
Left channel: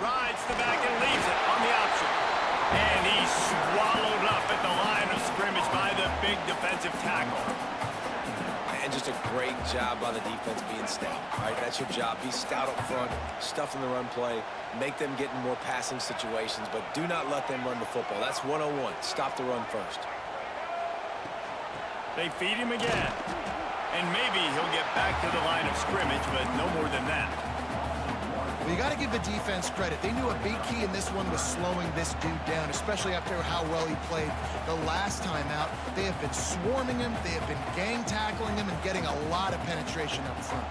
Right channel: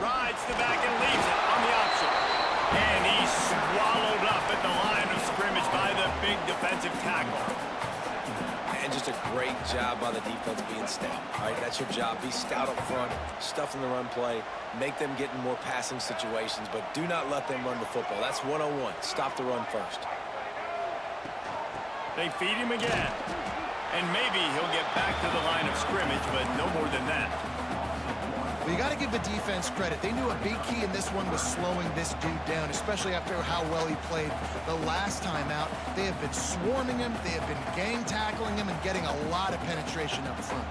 Rides the back and leaves it on the option. And he's swallowed up at the line of scrimmage by the big defensive tackle. And just a great job by the defense being stout. All right, that's your job. Be stout up front, stuff in the run play, make them get in more passing situations, but do not let them run the football. That's 101. Stop the run first. They feed him again. And maybe he'll get back to the line of scrimmage, but no more than that. Well, you got to give the defense credit. They knew a big key in this one was slowing this dude down, especially after how well he played the last time out. They have been swarming him. They have been gang tackling him and getting a lot of penetration up front.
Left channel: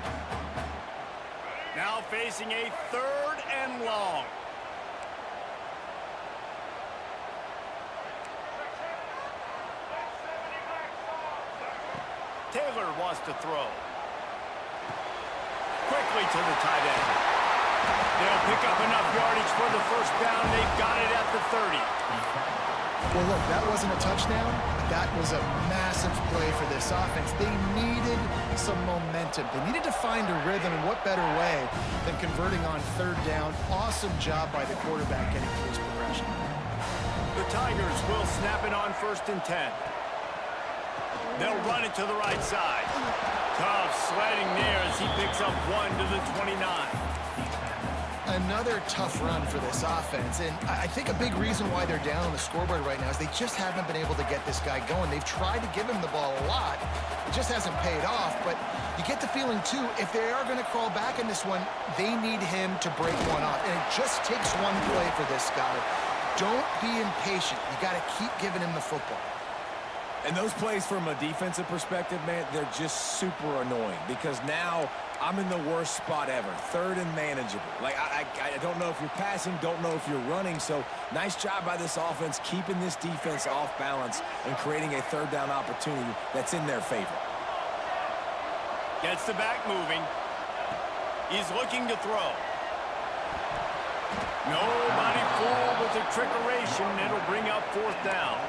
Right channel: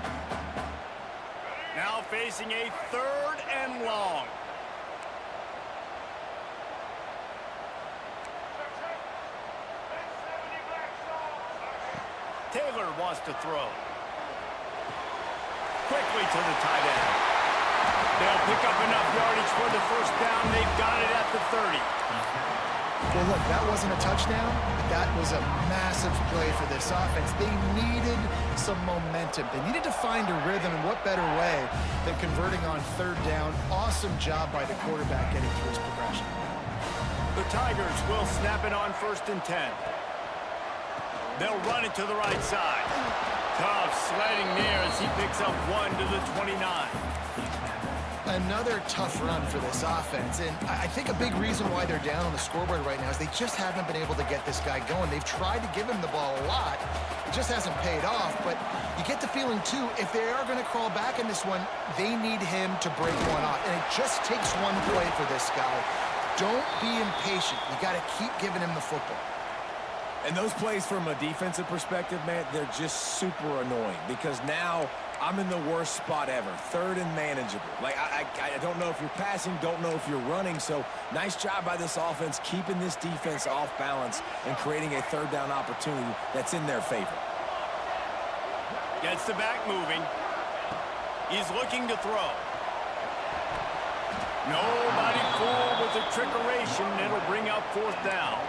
Now facing a 3rd and long. Taylor wants to throw. Quickly to the tight end. They'll pick up enough yardage for the first down. They've got it at the 30. Well, look, that wasn't a touchdown, but that was a massive play for this offense. They needed some momentum. They needed to find a rhythm, and what better way than converting on 3rd down. Awesome job by the quarterback getting through his progression. The Tigers will snap it on 1st and 10. They'll run it to the right side. Tough sledding there as he picks up 1 to the 29. Another tough run for this offense, and I think a big reason why they're down on the scoreboard right now is they just haven't been able to get this guy going. They've tried to give him the ball a lot. It just hasn't paid off, but you get the feeling, too, if they are going to crawl back in this one, they need him to break one off, and it just takes one play for this guy. Don't be impatient. You got to keep giving him the football. And those plays from a defensive perspective, man, they're just super annoying because now I'm in the worst spot ever, 3rd and manageable. Like, I don't know if you're passing, don't know if you're running, so nice job by this offense keeping this defense off balance and creating a 3rd down opportunity that's in their favor. Gets the back moving. He's looking to throw. Nobody fooled with the trickeration. It'll bring up 4th down.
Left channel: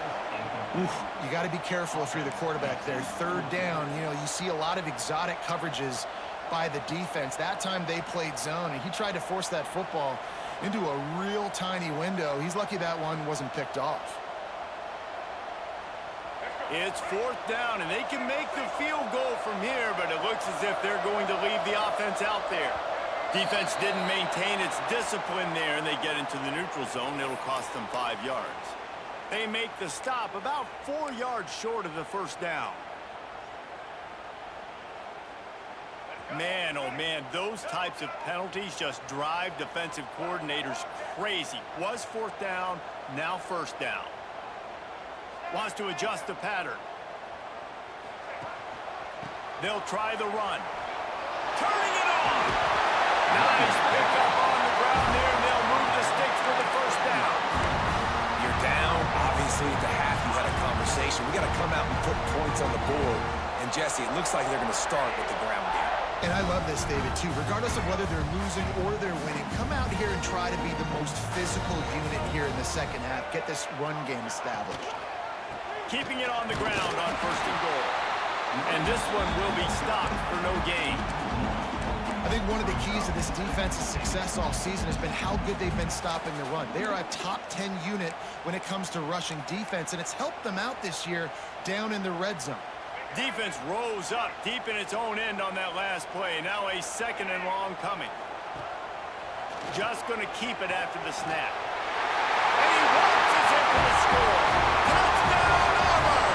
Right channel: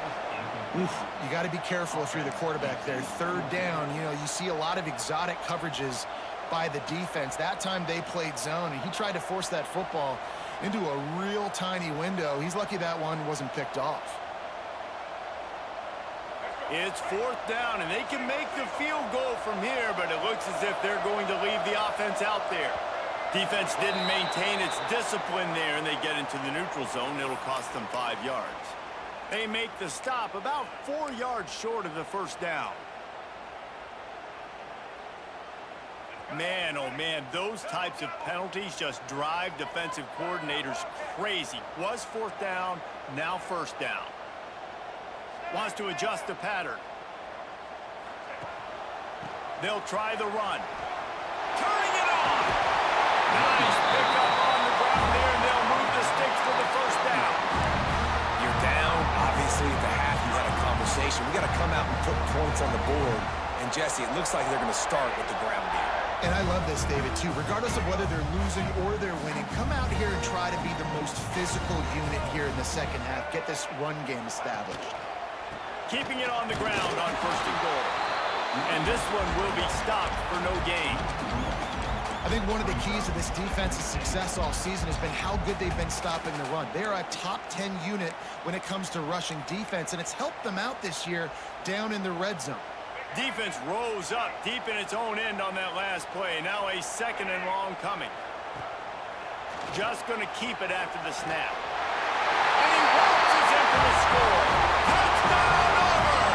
You got to be careful if you're the quarterback there. 3rd down, you know, you see a lot of exotic coverages by the defense. That time they played zone, and he tried to force that football into a real tiny window. He's lucky that one wasn't picked off. It's 4th down, and they can make the field goal from here, but it looks as if they're going to leave the offense out there. Defense didn't maintain its discipline there, and they get into the neutral zone. It'll cost them 5 yards. They make the stop about 4 yards short of the first down. Man, oh man, those types of penalties just drive defensive coordinators crazy. Was 4th down, now 1st down. Wants to adjust the pattern. They'll try the run. Turning it on! Nice pickup on the ground there, and they'll move the sticks for the first down. You're down. Obviously, at the half, you had a conversation. We got to come out and put points on the board. And, Jesse, it looks like they're going to start with the ground game. And I love this, David, too. Regardless of whether they're losing or they're winning, come out here and try to be the most physical unit here in the second half. Get this run game established. Keeping it on the ground on 1st and goal. And this one will be stopped for no gain. I think one of the keys to this defense's success all season has been how good they've been stopping the run. They're a top 10 unit when it comes to rushing defense, and it's helped them out this year down in the red zone. Defense rose up deep in its own end on that last play. Now a 2nd and long coming. Just going to keep it after the snap. And he waltzes into the score. Touchdown, Auburn!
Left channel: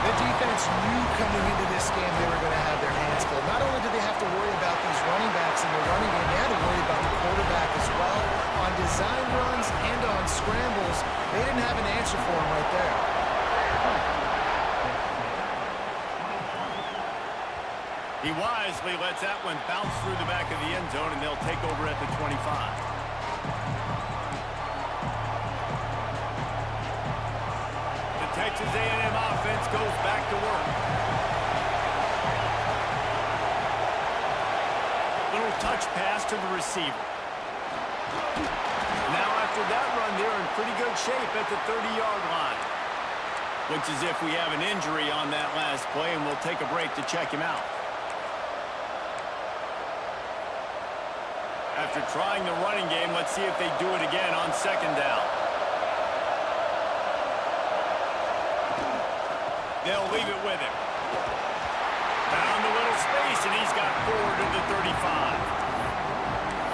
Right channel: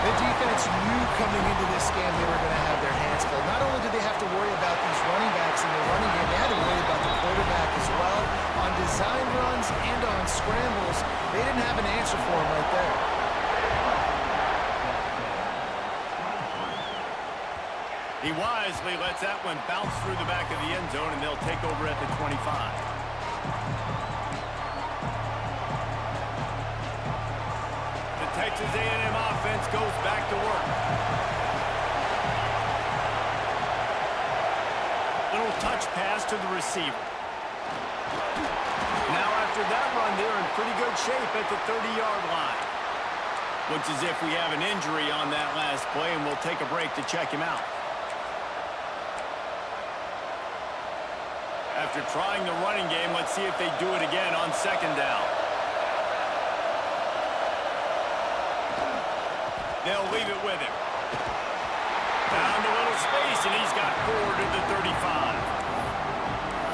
The defense knew coming into this game they were going to have their hands full. Not only did they have to worry about these running backs in the running game, they had to worry about the quarterback as well. On design runs and on scrambles, they didn't have an answer for him right there. He wisely lets that one bounce through the back of the end zone, and they'll take over at the 25. The Texas A&M offense goes back to work. touch pass to the receiver. Now after that run, they're in pretty good shape at the 30-yard line. Looks as if we have an injury on that last play, and we'll take a break to check him out. After trying the running game, let's see if they do it again on second down. They'll leave it with him. Found a little space, and he's got 4 to the 35.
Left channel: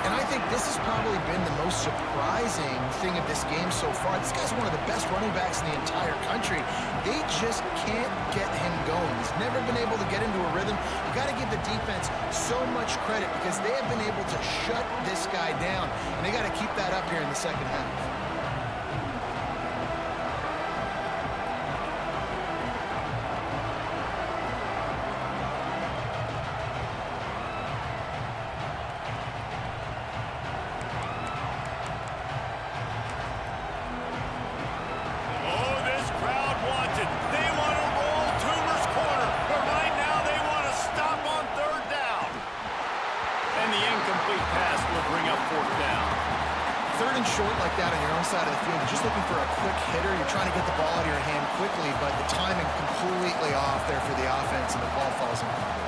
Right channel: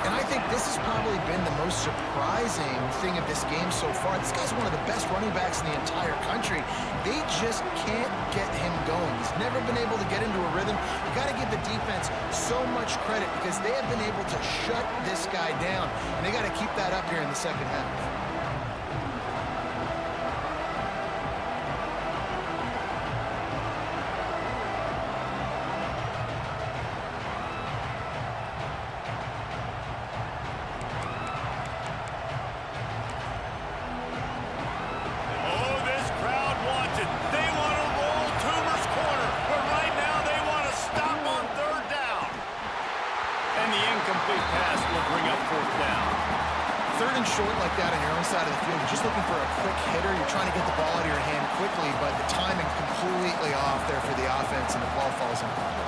And I think this has probably been the most surprising thing of this game so far. This guy's one of the best running backs in the entire country. They just can't get him going. He's never been able to get into a rhythm. You got to give the defense so much credit because they have been able to shut this guy down. And they got to keep that up here in the second half. Short like that on your own side of the field, you're just looking for a quick hitter. You're trying to get the ball out of your hand quickly, but the timing completely off there for the offense, and the ball falls incomplete.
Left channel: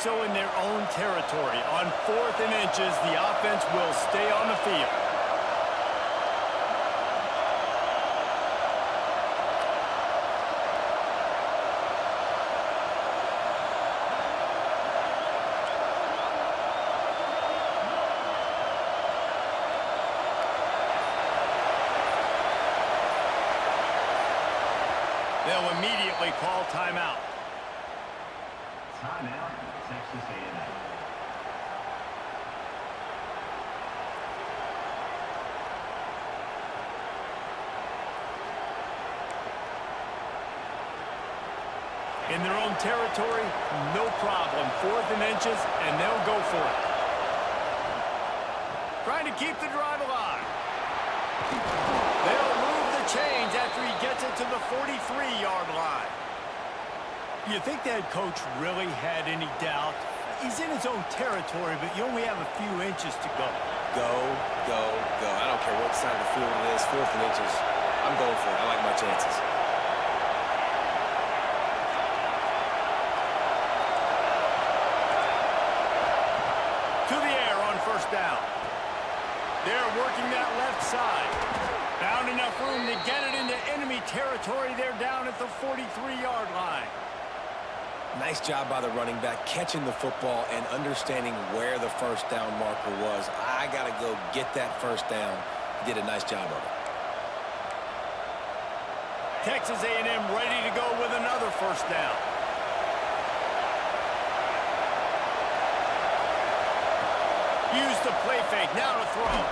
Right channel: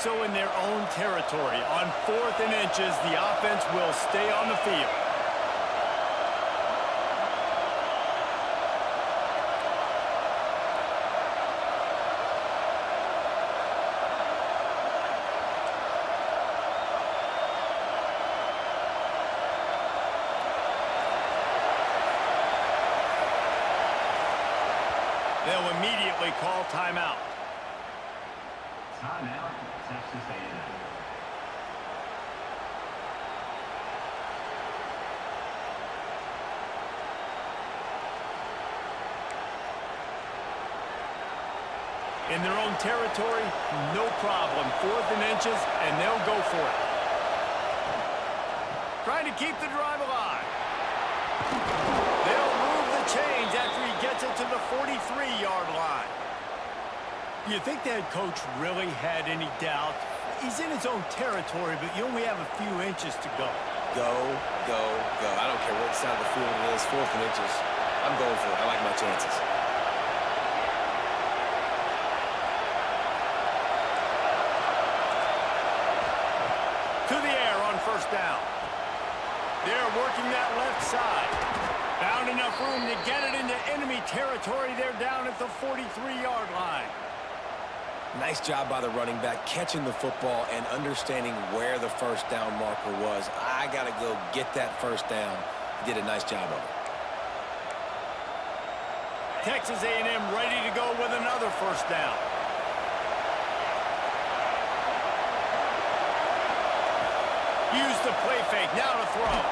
So in their own territory, on 4th and inches, the offense will stay on the field. They'll immediately call timeout. Timeout, Texas A&M. In their own territory, no problem. 4th and inches, and they'll go for it. Trying to keep the drive alive. They'll move the chains after he gets it to the 43-yard line. You think that coach really had any doubt? He's in his own territory, but you only have a few inches to go. Go, go, go. I don't care what side of the field it is, 4th and inches. I'm going for it. I like my chances. To the air on first down. They're working that left side. Found enough room to get it into enemy territory. They're down at the 43-yard line. Nice job by the running back, catching the football and understanding where the first down marker was. I got to go get that first down. He did a nice job of it. Texas A&M ready to go with another first down. Use the play fake, now to throw.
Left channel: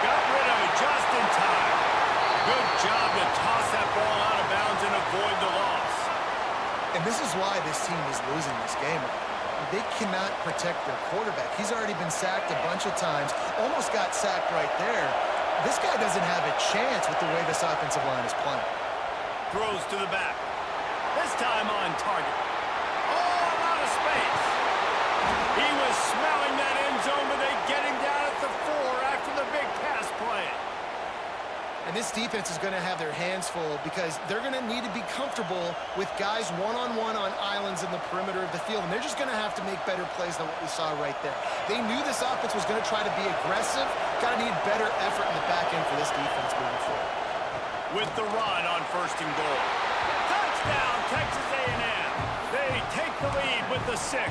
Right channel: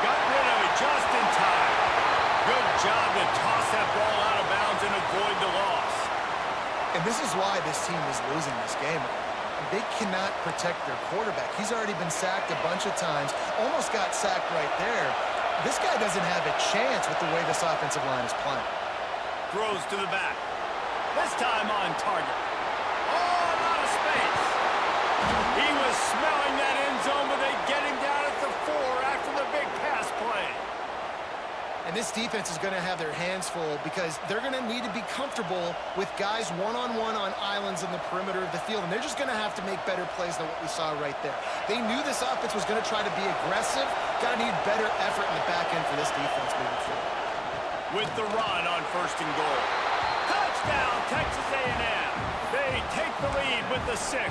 Got rid of it just in time. Good job to toss that ball out of bounds and avoid the loss. And this is why this team is losing this game. They cannot protect their quarterback. He's already been sacked a bunch of times, almost got sacked right there. This guy doesn't have a chance with the way this offensive line is playing. Throws to the back. This time on target. Oh, a lot of space. He was smelling that end zone, but they get him down at the 4 after the big pass play. And this defense is going to have their hands full because they're going to need to be comfortable with guys one-on-one on islands in the perimeter of the field, and they're just going to have to make better plays than what we saw right there. They knew this offense was going to try to be aggressive. Got to need better effort in the back end for this defense moving forward. With the run on first and goal. Touchdown, Texas A&M. They take the lead with the 6.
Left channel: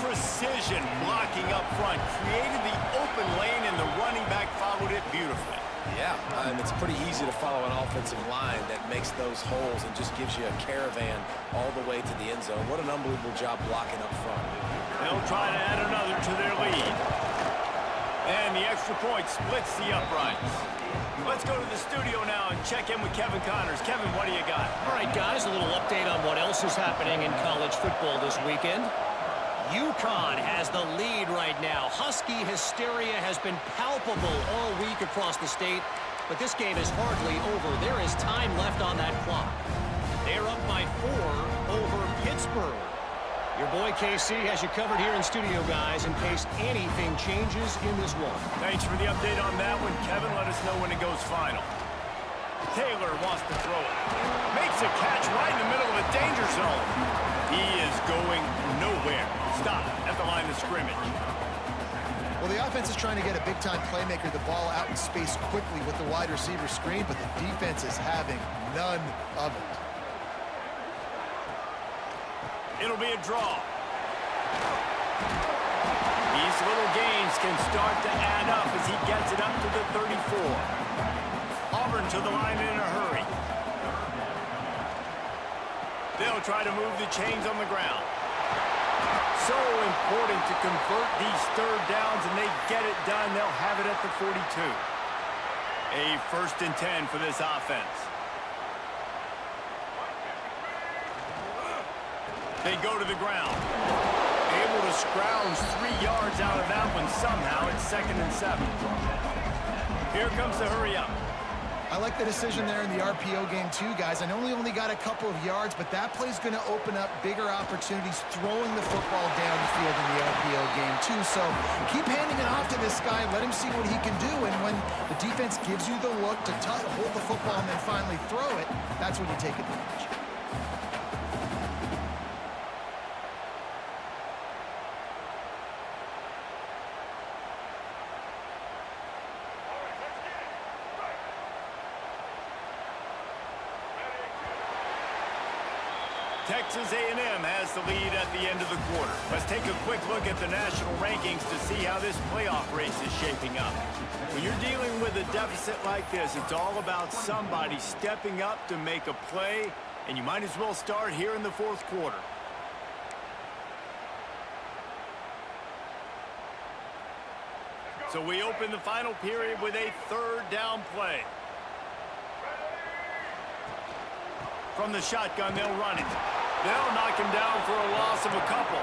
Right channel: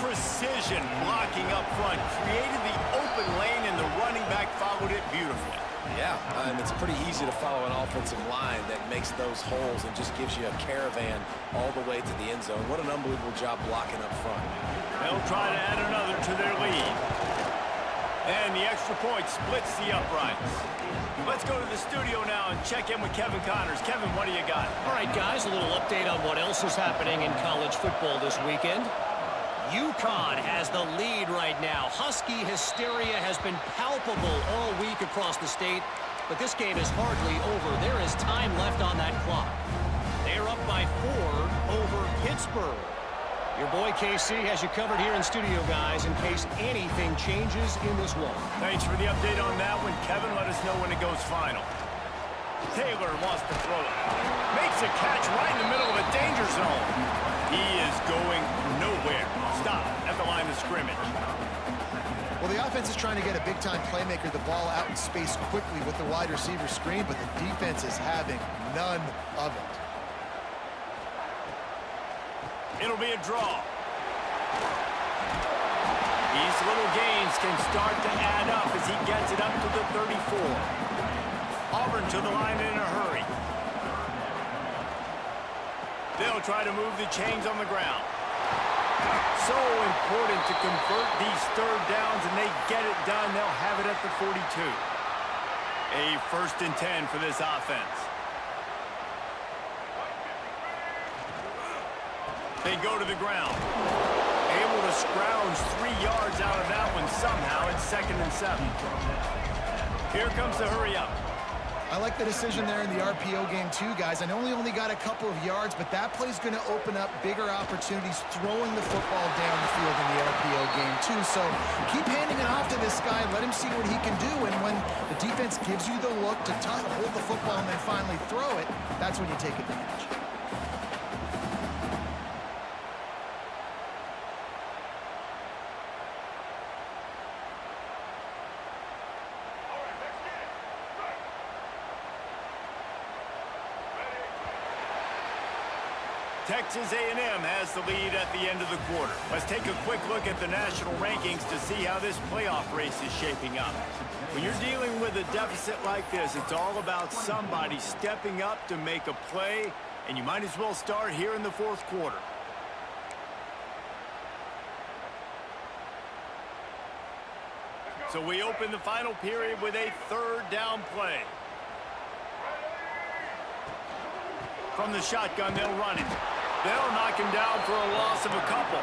Precision blocking up front created the open lane, and the running back followed it beautifully. Yeah, it's pretty easy to follow an offensive line that makes those holes and just gives you a caravan all the way to the end zone. What an unbelievable job blocking up front. They'll try to add another to their lead. And the extra point splits the uprights. Let's go to the studio now and check in with Kevin Connors. Kevin, what do you got? All right, guys, a little update on what else is happening in college football this weekend. UConn has the lead right now. Husky hysteria has been palpable all week across the state, but this game is hardly over. There is time left on that clock. They're up by 4 over Pittsburgh. Your boy KC has you covered here in studio, guys, in case anything changes in this one. Thanks for the update on that one, Kevin. Let us know when it goes final. Taylor wants to throw it. Makes a catch right in the middle of a danger zone. He is going nowhere. Stop at the line of scrimmage. Well, the offense is trying to get a big-time playmaker the ball out in space quickly with the wide receiver screen, but the defense is having none of it. It'll be a draw. These little gains can start to add up as he gets it up to the 34. Auburn to the line in a hurry. They'll try to move the chains on the ground. So important to convert these third downs, and they get it done. They'll have it at the 42. A 1st and 10 for this offense. They go to the ground. Able to scrounge 3 yards out of that one somehow. It's 2nd and 7. Here comes the hurry up. I like the decision there in the RPO game too, guys. I know he only got a couple of yards, but that play's going to open up bigger opportunities throwing the football down the field in the RPO game too. So keep handing it off to this guy. Let him see what he can do. And when the defense gives you the look to hold the football and then finally throw it, that's when you take advantage. Texas A&M has the lead at the end of the quarter. Let's take a quick look at the national rankings to see how this playoff race is shaping up. When you're dealing with a deficit like this, it's all about somebody stepping up to make a play, and you might as well start here in the 4th quarter. So we open the final period with a 3rd down play. From the shotgun, they'll run it. They'll knock him down for a loss of a couple.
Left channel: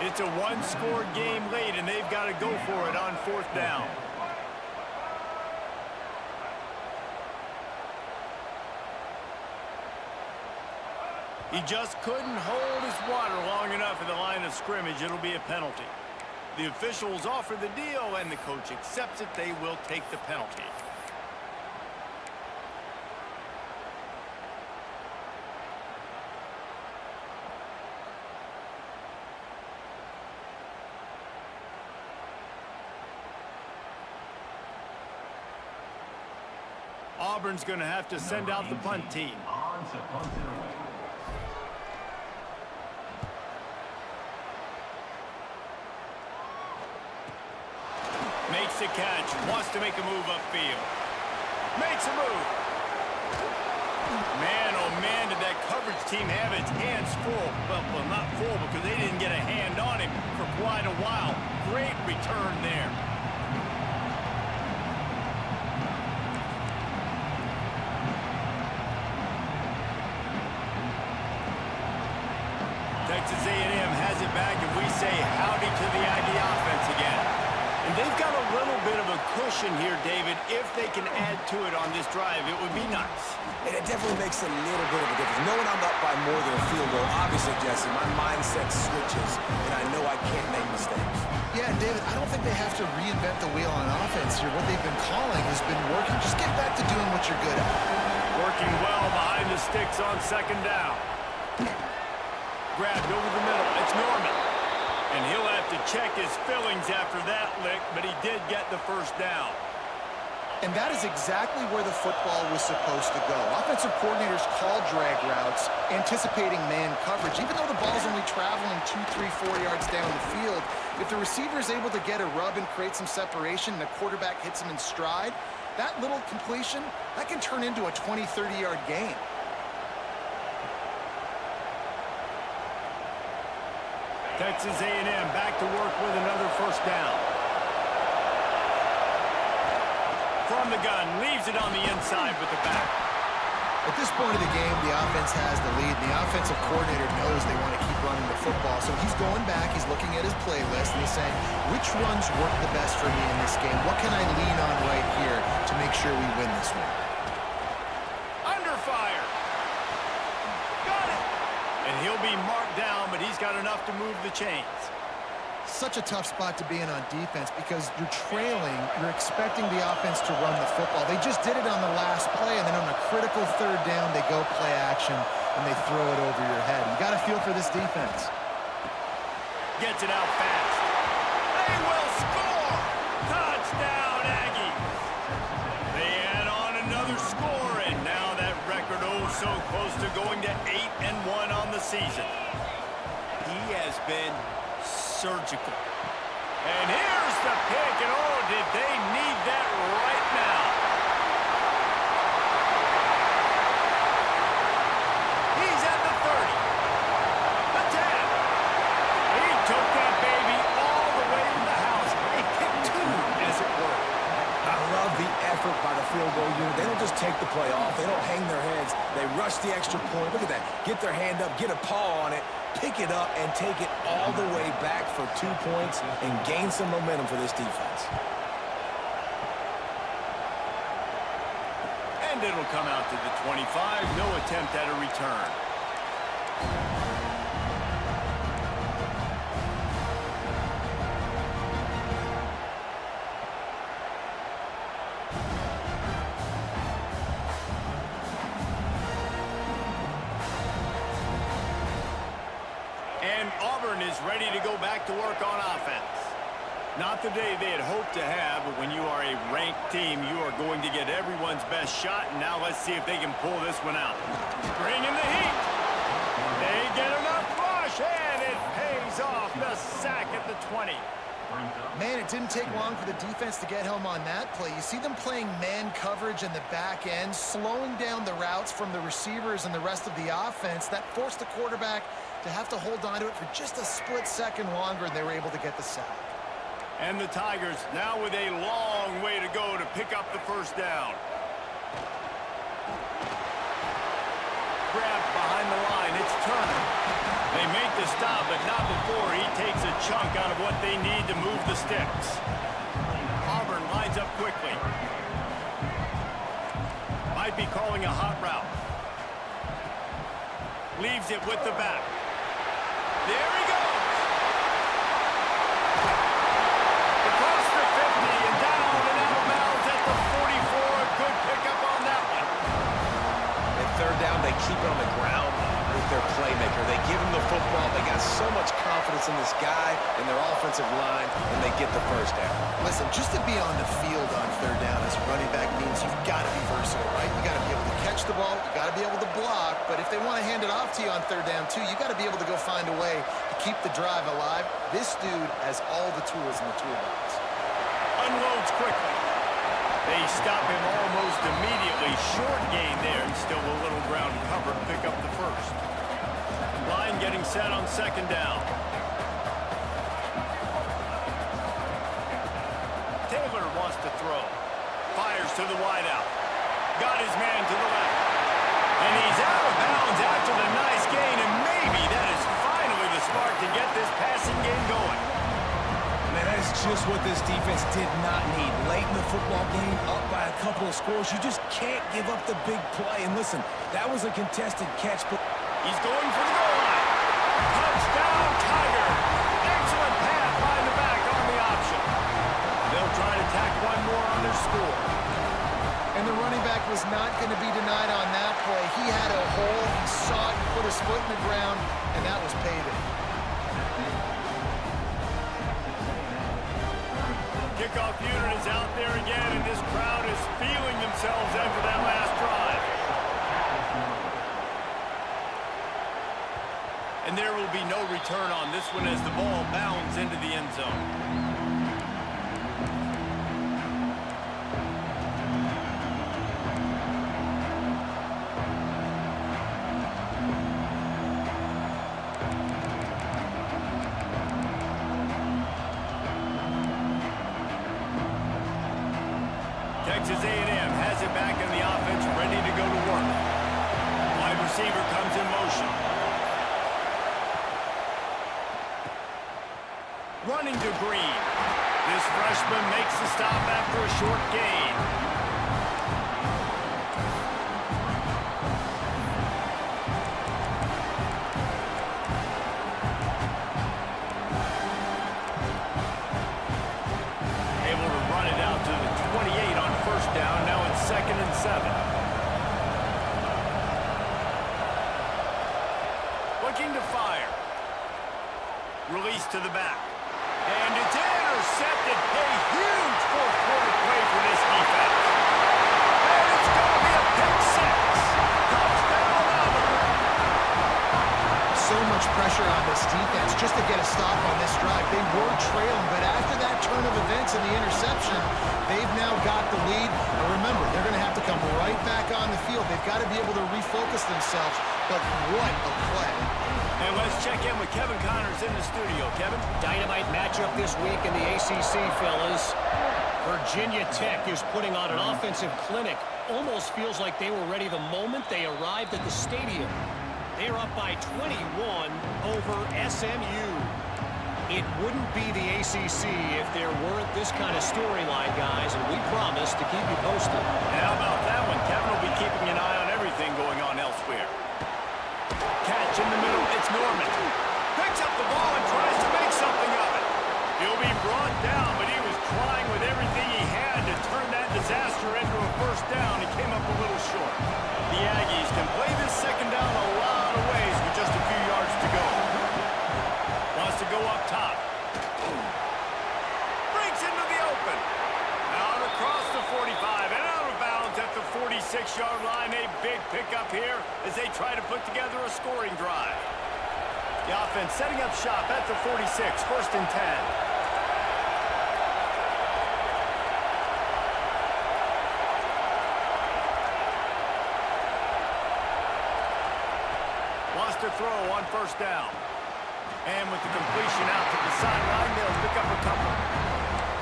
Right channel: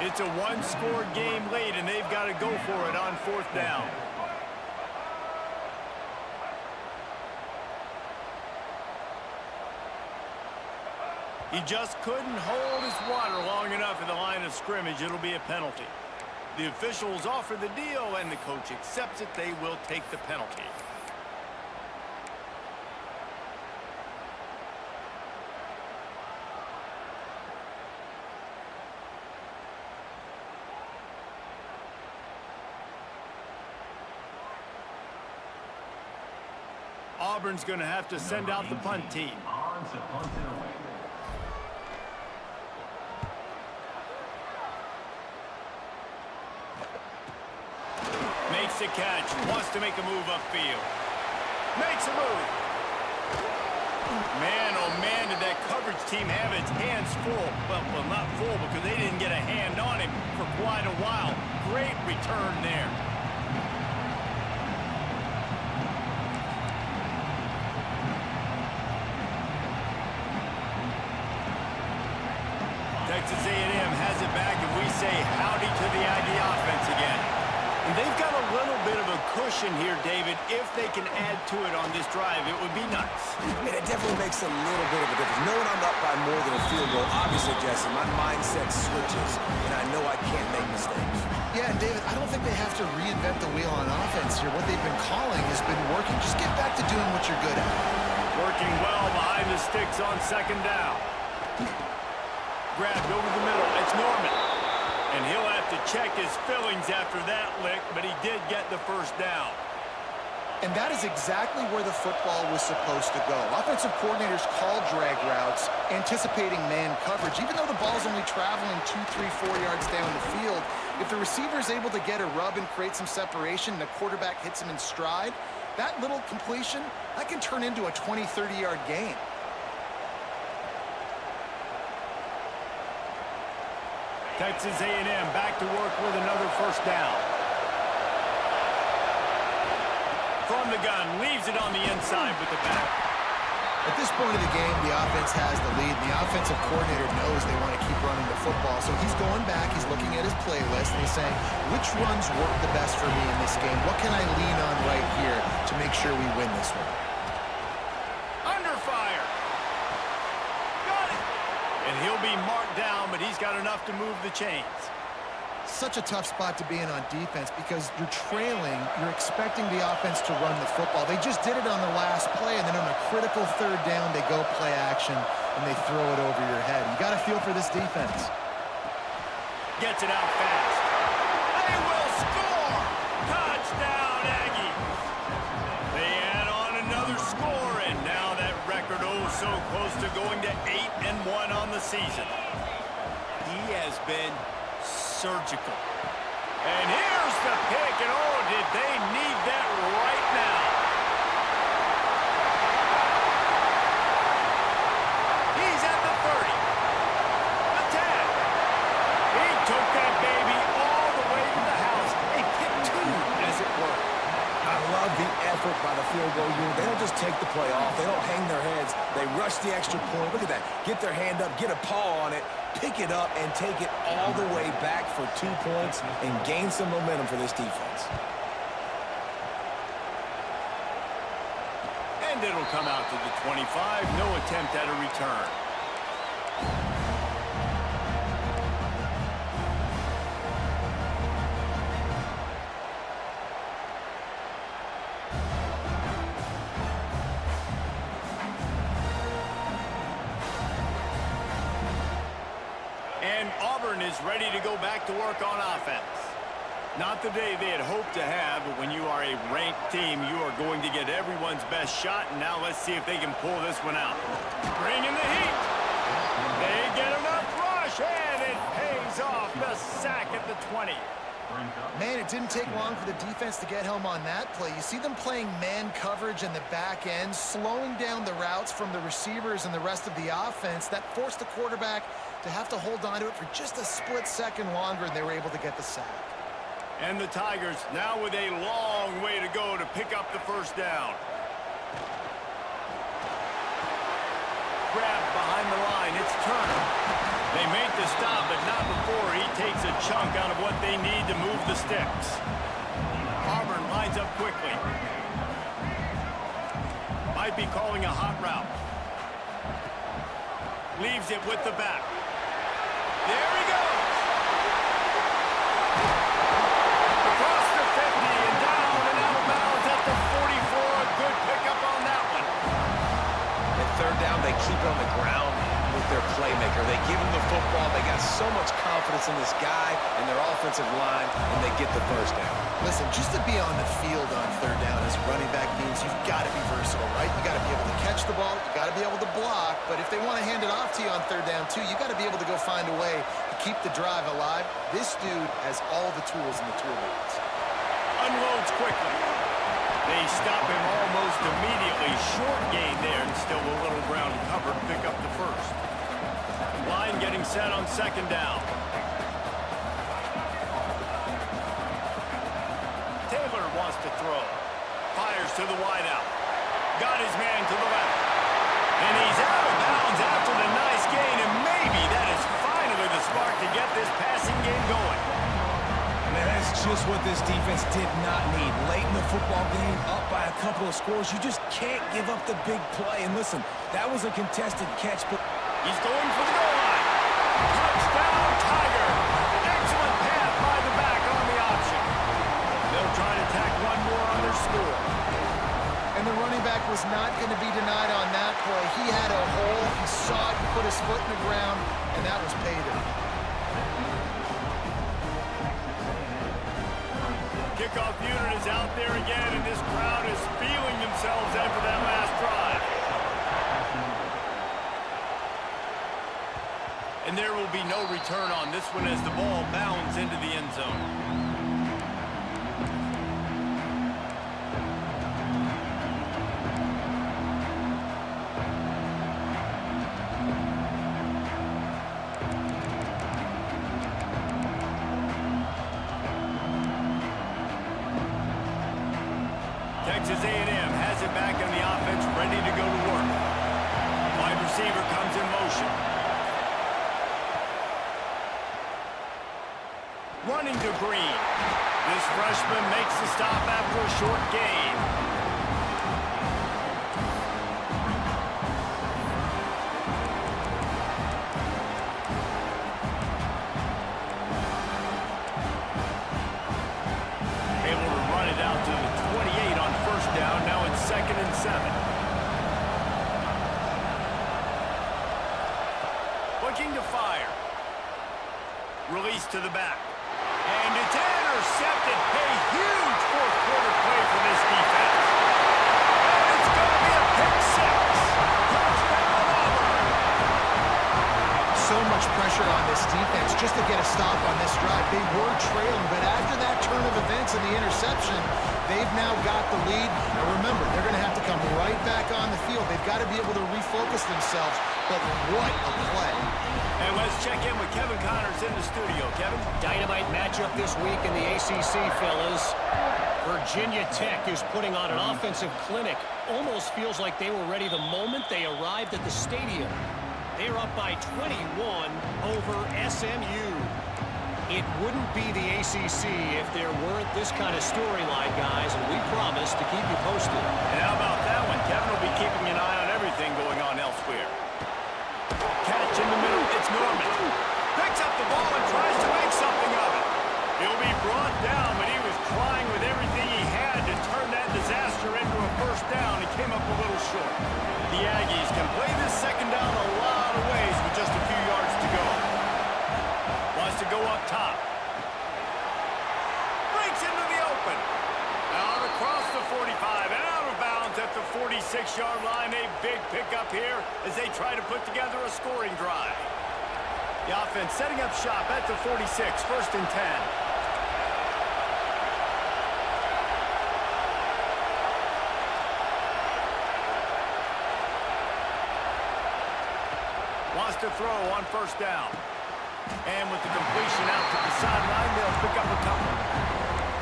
It's a 1-score game late, and they've got to go for it on 4th down. He just couldn't hold his water long enough at the line of scrimmage. It'll be a penalty. The officials offer the deal, and the coach accepts it. They will take the penalty. Auburn's going to have to send out the punt team. Makes the catch, wants to make a move upfield. Makes a move. Man, oh man, did that coverage team have its hands full. Well, not full because they didn't get a hand on him for quite a while. Great return there. Texas A&M has it back, and we say howdy to the Aggie offense again. And they've got a little bit of a cushion here, David. If they can add to it on this drive, it would be nice. And it definitely makes a little bit of a difference. Knowing I'm up by more than a field goal, obviously, Jesse, my mindset switches, and I know I can't make mistakes. Yeah, and David, I don't think they have to reinvent the wheel on offense here. What they've been calling has been working. Just get back to doing what you're good at. Working well behind the sticks on 2nd down. Grabbed over the middle. It's Norman. And he'll have to check his fillings after that lick, but he did get the 1st down. And that is exactly where the football was supposed to go. Offensive coordinators call drag routes, anticipating man coverage. Even though the ball's only traveling 2, 3, 4 yards down the field, if the receiver is able to get a rub and create some separation and the quarterback hits him in stride, that little completion, that can turn into a 20, 30-yard gain. Texas A&M back to work with another 1st down. From the gun, leaves it on the inside with the back. At this point of the game, the offense has the lead, and the offensive coordinator knows they want to keep running the football. So he's going back, he's looking at his playlist, and he's saying, which runs work the best for me in this game? What can I lean on right here to make sure we win this one? Under fire. Got it. And he'll be marked down, but he's got enough to move the chains. Such a tough spot to be in on defense because you're trailing, you're expecting the offense to run the football. They just did it on the last play, and then on a critical third down, they go play action, and they throw it over your head. You got to feel for this defense. Gets it out fast. They will score! Touchdown, Aggies! They add on another score, and now that record so close to going to 8-1 on the season. He has been surgical. And here's the pick, and oh, did they need that right now. He's at the 30. The 10. He took that baby all the way to the house. A pick two, as it were. I love the effort by the field goal unit. They don't just take the play off. They don't hang their heads. They rush the extra point. Look at that. Get their hand up, get a paw on it, pick it up, and take it all the way back for 2 points and gain some momentum for this defense. And it'll come out to the 25. No attempt at a return. And Auburn is ready to go back to work on offense. Not the day they had hoped to have, but when you are a ranked team, you are going to get everyone's best shot, and now let's see if they can pull this one out. Bring in the heat. They get enough rush, and it pays off. The sack at the 20. Man, it didn't take long for the defense to get home on that play. You see them playing man coverage in the back end, slowing down the routes from the receivers and the rest of the offense. That forced the quarterback to have to hold on to it for just a split second longer, and they were able to get the sack. And the Tigers now with a long way to go to pick up the first down. Grabbed behind the line, it's Turner. They make the stop, but not before he takes a chunk out of what they need to move the sticks. Auburn lines up quickly. Might be calling a hot route. Leaves it with the back. There he goes. Across the 50 and down and out of bounds at the 44. A good pickup on that one. At third down, they keep it on the ground with their playmaker. They give him the football. They got so much confidence in this guy and their offensive line, and they get the first down. Listen, just to be on the field on third down as a running back means you've got to be versatile, right? You got to be able to catch the ball. You got to be able to block. But if they want to hand it off to you on third down, too, you got to be able to go find a way to keep the drive alive. This dude has all the tools in the toolbox. Unloads quickly. They stop him almost immediately. Short gain there, and still a little ground covered to pick up the first. Line getting set on second down. Taylor wants to throw. Fires to the wideout. Got his man to the left. And he's out of bounds after the nice gain, and maybe that is finally the spark to get this passing game going. Man, that is just what this defense did not need. Late in the football game, up by a couple of scores, you just can't give up the big play. And listen, that was a contested catch, but he's going for the goal line. Touchdown, Tiger. Excellent pass by the back on the option. They'll try to tack one more on their score. And the running back was not going to be denied on that play. He had a hole. He saw it. He put his foot in the ground, and that was paid him. Kickoff unit is out there again, and this crowd is feeling themselves after that last drive. And there will be no return on this one as the ball bounds into the end zone. Texas A&M has it back in the offense, ready to go to work. receiver comes in motion. Running to Green. This freshman makes the stop after a short gain. Able to run it out to the 28 on first down. Now it's 2nd and 7. Looking to fire. Release to the back. And it's intercepted. A huge fourth-quarter play for this defense. And it's going to be a pick 6. Touchdown, Auburn. So much pressure on this defense just to get a stop on this drive. They were trailing, but after that turn of events and the interception, they've now got the lead. And remember, they're going to have to come right back on the field. They've got to be able to refocus themselves. But what a play. And let's check in with Kevin Connors in the studio. Kevin? Dynamite matchup this week in the ACC, fellas. Virginia Tech is putting on an offensive clinic. Almost feels like they were ready the moment they arrived at the stadium. They're up by 21 over SMU. It wouldn't be the ACC if there weren't this kind of storyline, guys, and we promise to keep you posted. And how about that one? Kevin will be keeping an eye on everything going on elsewhere. Catch in the middle, it's Norman. Picks up the ball and tries to make something of it. He'll be brought down, but he was trying with everything he had to turn that disaster into a first down. He came up a little short. The Aggies can play this second down a lot of ways with just a few yards to go. Wants to go up top. Breaks into the open. Out across the 45 and out of bounds at the 46-yard line. A big pickup here as they try to put together a scoring drive. The offense setting up shop at the 46, 1st and 10. Wants to throw on first down. And with the completion out to the sideline, they'll pick up a couple.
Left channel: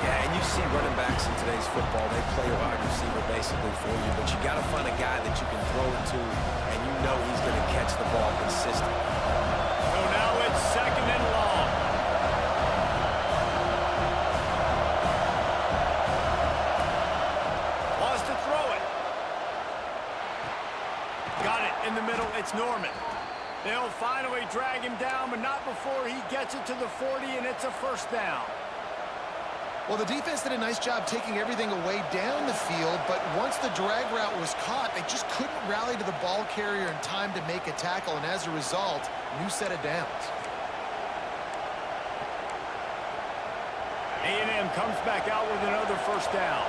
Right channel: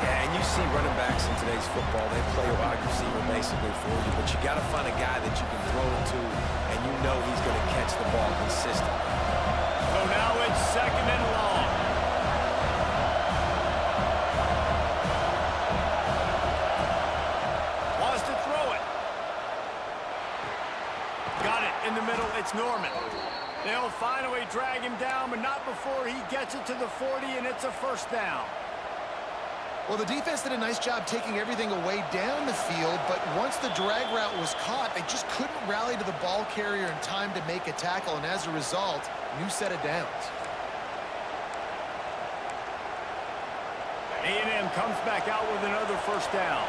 Yeah, and you see running backs in today's football, they play a wide receiver basically for you, but you got to find a guy that you can throw it to, and you know he's going to catch the ball consistently. So now it's 2nd and long. Wants to throw it. Got it in the middle, it's Norman. They'll finally drag him down, but not before he gets it to the 40, and it's a first down. Well, the defense did a nice job taking everything away down the field, but once the drag route was caught, they just couldn't rally to the ball carrier in time to make a tackle, and as a result, new set of downs. A&M comes back out with another first down.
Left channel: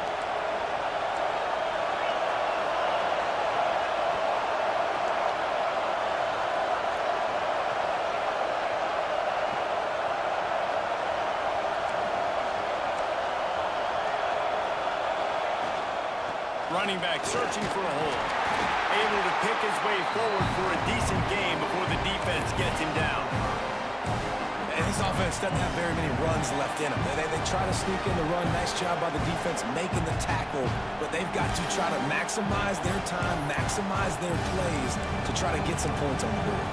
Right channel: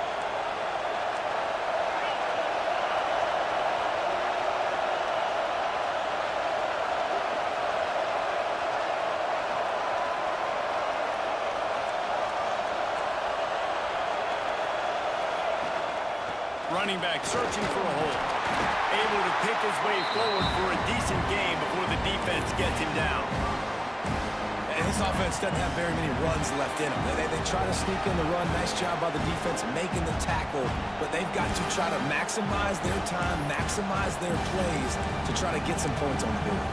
Running back searching for a hole. Able to pick his way forward for a decent game before the defense gets him down. And this offense doesn't have very many runs left in them. They try to sneak in the run. Nice job by the defense making the tackle. But they've got to try to maximize their time, maximize their plays to try to get some points on the board.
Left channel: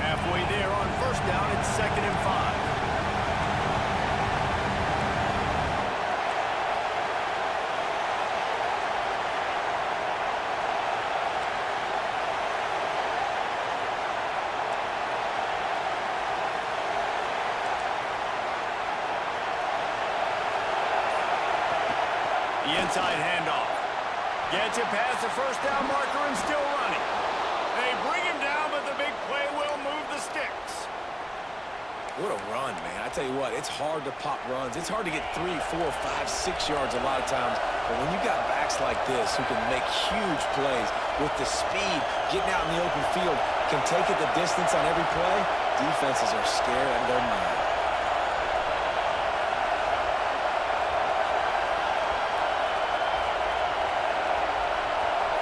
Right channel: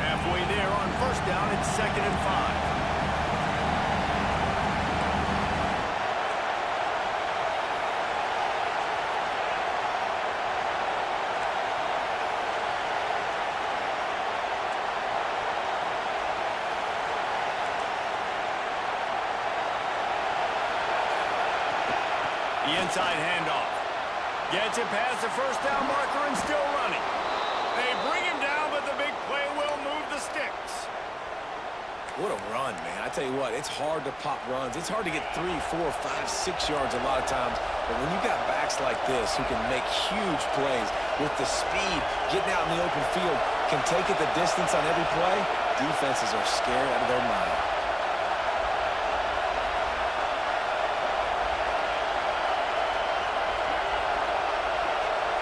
Halfway there on first down, it's 2nd and 5. The inside handoff. Gets it past the first down marker and still running. They bring him down, but the big play will move the sticks. What a run, man. I tell you what, it's hard to pop runs. It's hard to get 3, 4, 5, 6 yards a lot of times. But when you got backs like this who can make huge plays with the speed, getting out in the open field, can take it the distance on every play, defenses are scared out of their mind.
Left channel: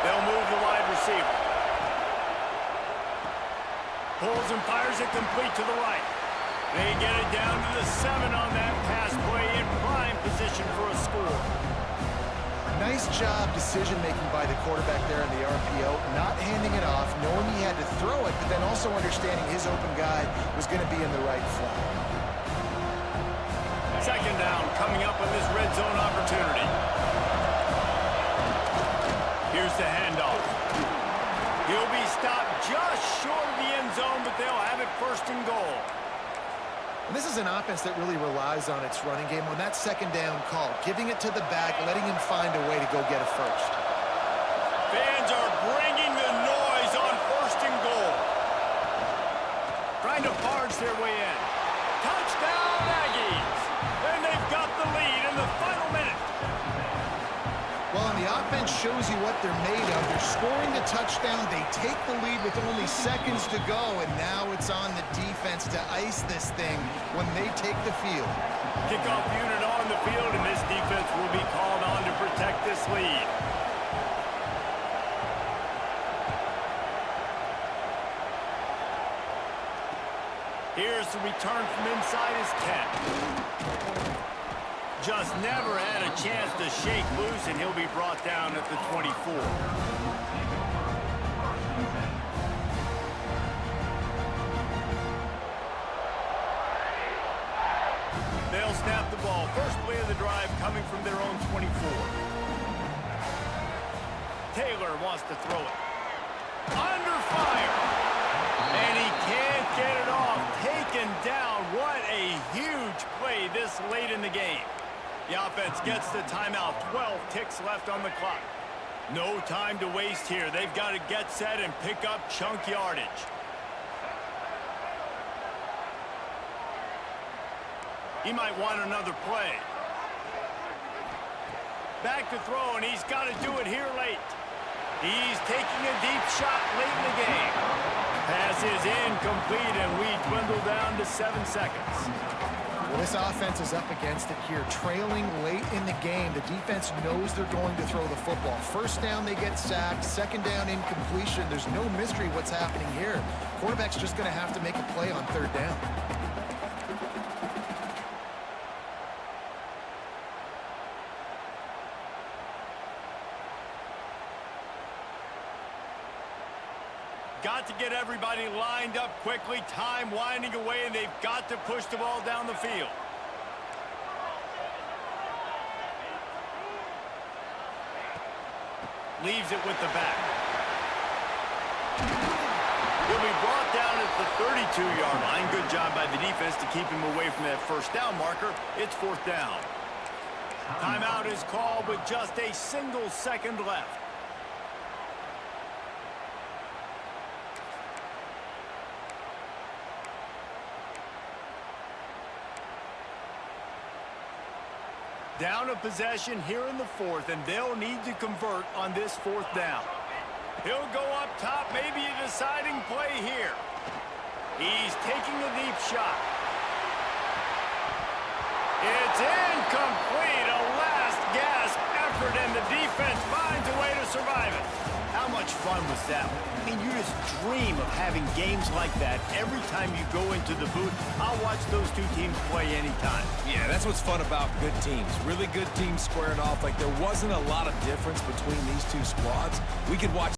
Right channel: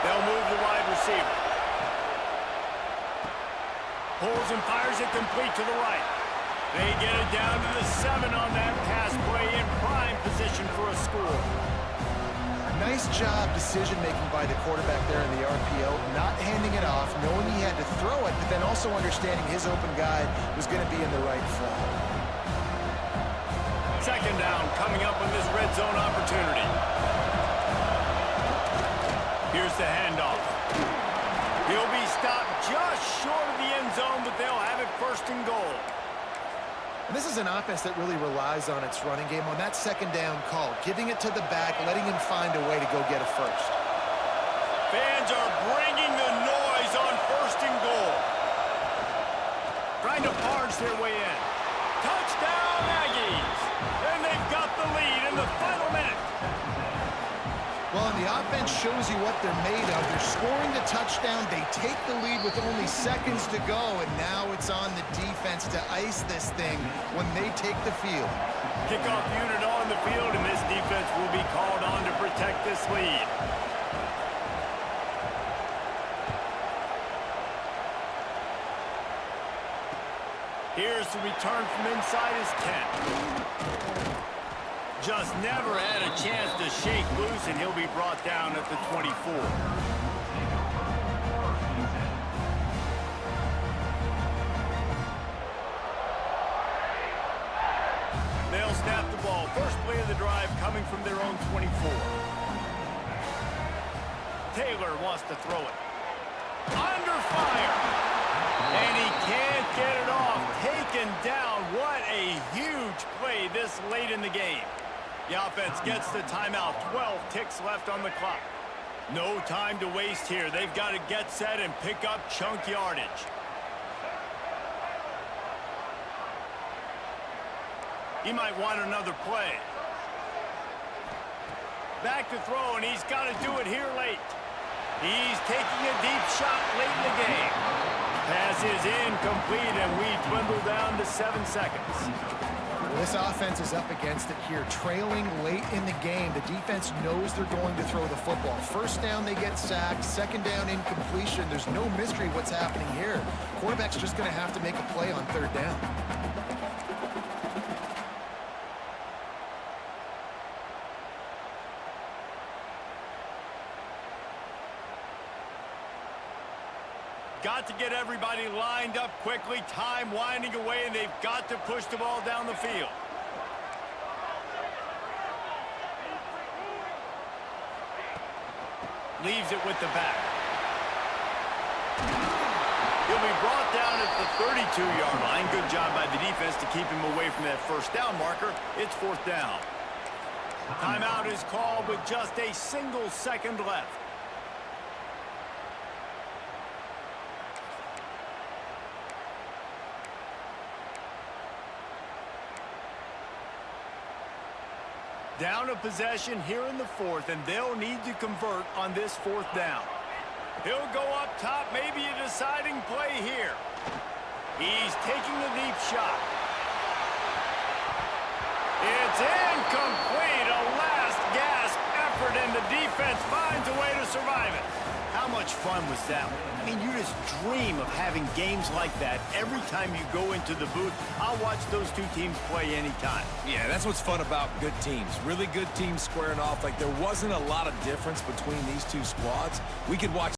They'll move the wide receiver. Pulls and fires it complete to the right. They get it down to the 7 on that pass play in prime position for a score. Nice job decision-making by the quarterback there in the RPO, not handing it off, knowing he had to throw it, but then also understanding his open guy was going to be in the right flat. Second down coming up on this red zone opportunity. Here's the handoff. He'll be stopped just short of the end zone, but they'll have it first and goal. And this is an offense that really relies on its running game on that second down call, giving it to the back, letting him find a way to go get a first. Fans are bringing the noise on first and goal. Trying to barge their way in. Touchdown, Aggies! And they've got the lead in the final minute. Well, and the offense shows you what they're made of. They're scoring the touchdown. They take the lead with only seconds to go, and now it's on the defense to ice this thing when they take the field. Kickoff unit on the field, and this defense will be called on to protect this lead. Here's the return from inside his 10. Just never had a chance to shake loose, and he'll be brought down at the 24. They'll snap the ball. First play of the drive coming from their own 24. Taylor wants to throw it. Under fire. And he can't get it off. Taken down. What a huge play this late in the game. The offense gets the timeout. 12 ticks left on the clock. No time to waste here. They've got to get set and pick up chunk yardage. He might want another play. Back to throw, and he's got to do it here late. He's taking a deep shot late in the game. Pass is incomplete, and we dwindle down to 7 seconds. Well, this offense is up against it here, trailing late in the game. The defense knows they're going to throw the football. First down, they get sacked. Second down, incompletion. There's no mystery what's happening here. Quarterback's just going to have to make a play on third down. Got to get everybody lined up quickly. Time winding away, and they've got to push the ball down the field. Leaves it with the back. He'll be brought down at the 32-yard line. Good job by the defense to keep him away from that first down marker. It's fourth down. Timeout is called with just a single second left. Down a possession here in the fourth, and they'll need to convert on this fourth down. He'll go up top, maybe a deciding play here. He's taking a deep shot. It's incomplete, a last gasp effort, and the defense finds a way to survive it. How much fun was that? I mean, you just dream of having games like that every time you go into the booth. I'll watch those two teams play anytime. Yeah, that's what's fun about good teams. Really good teams squaring off. Like, there wasn't a lot of difference between these two squads. We could watch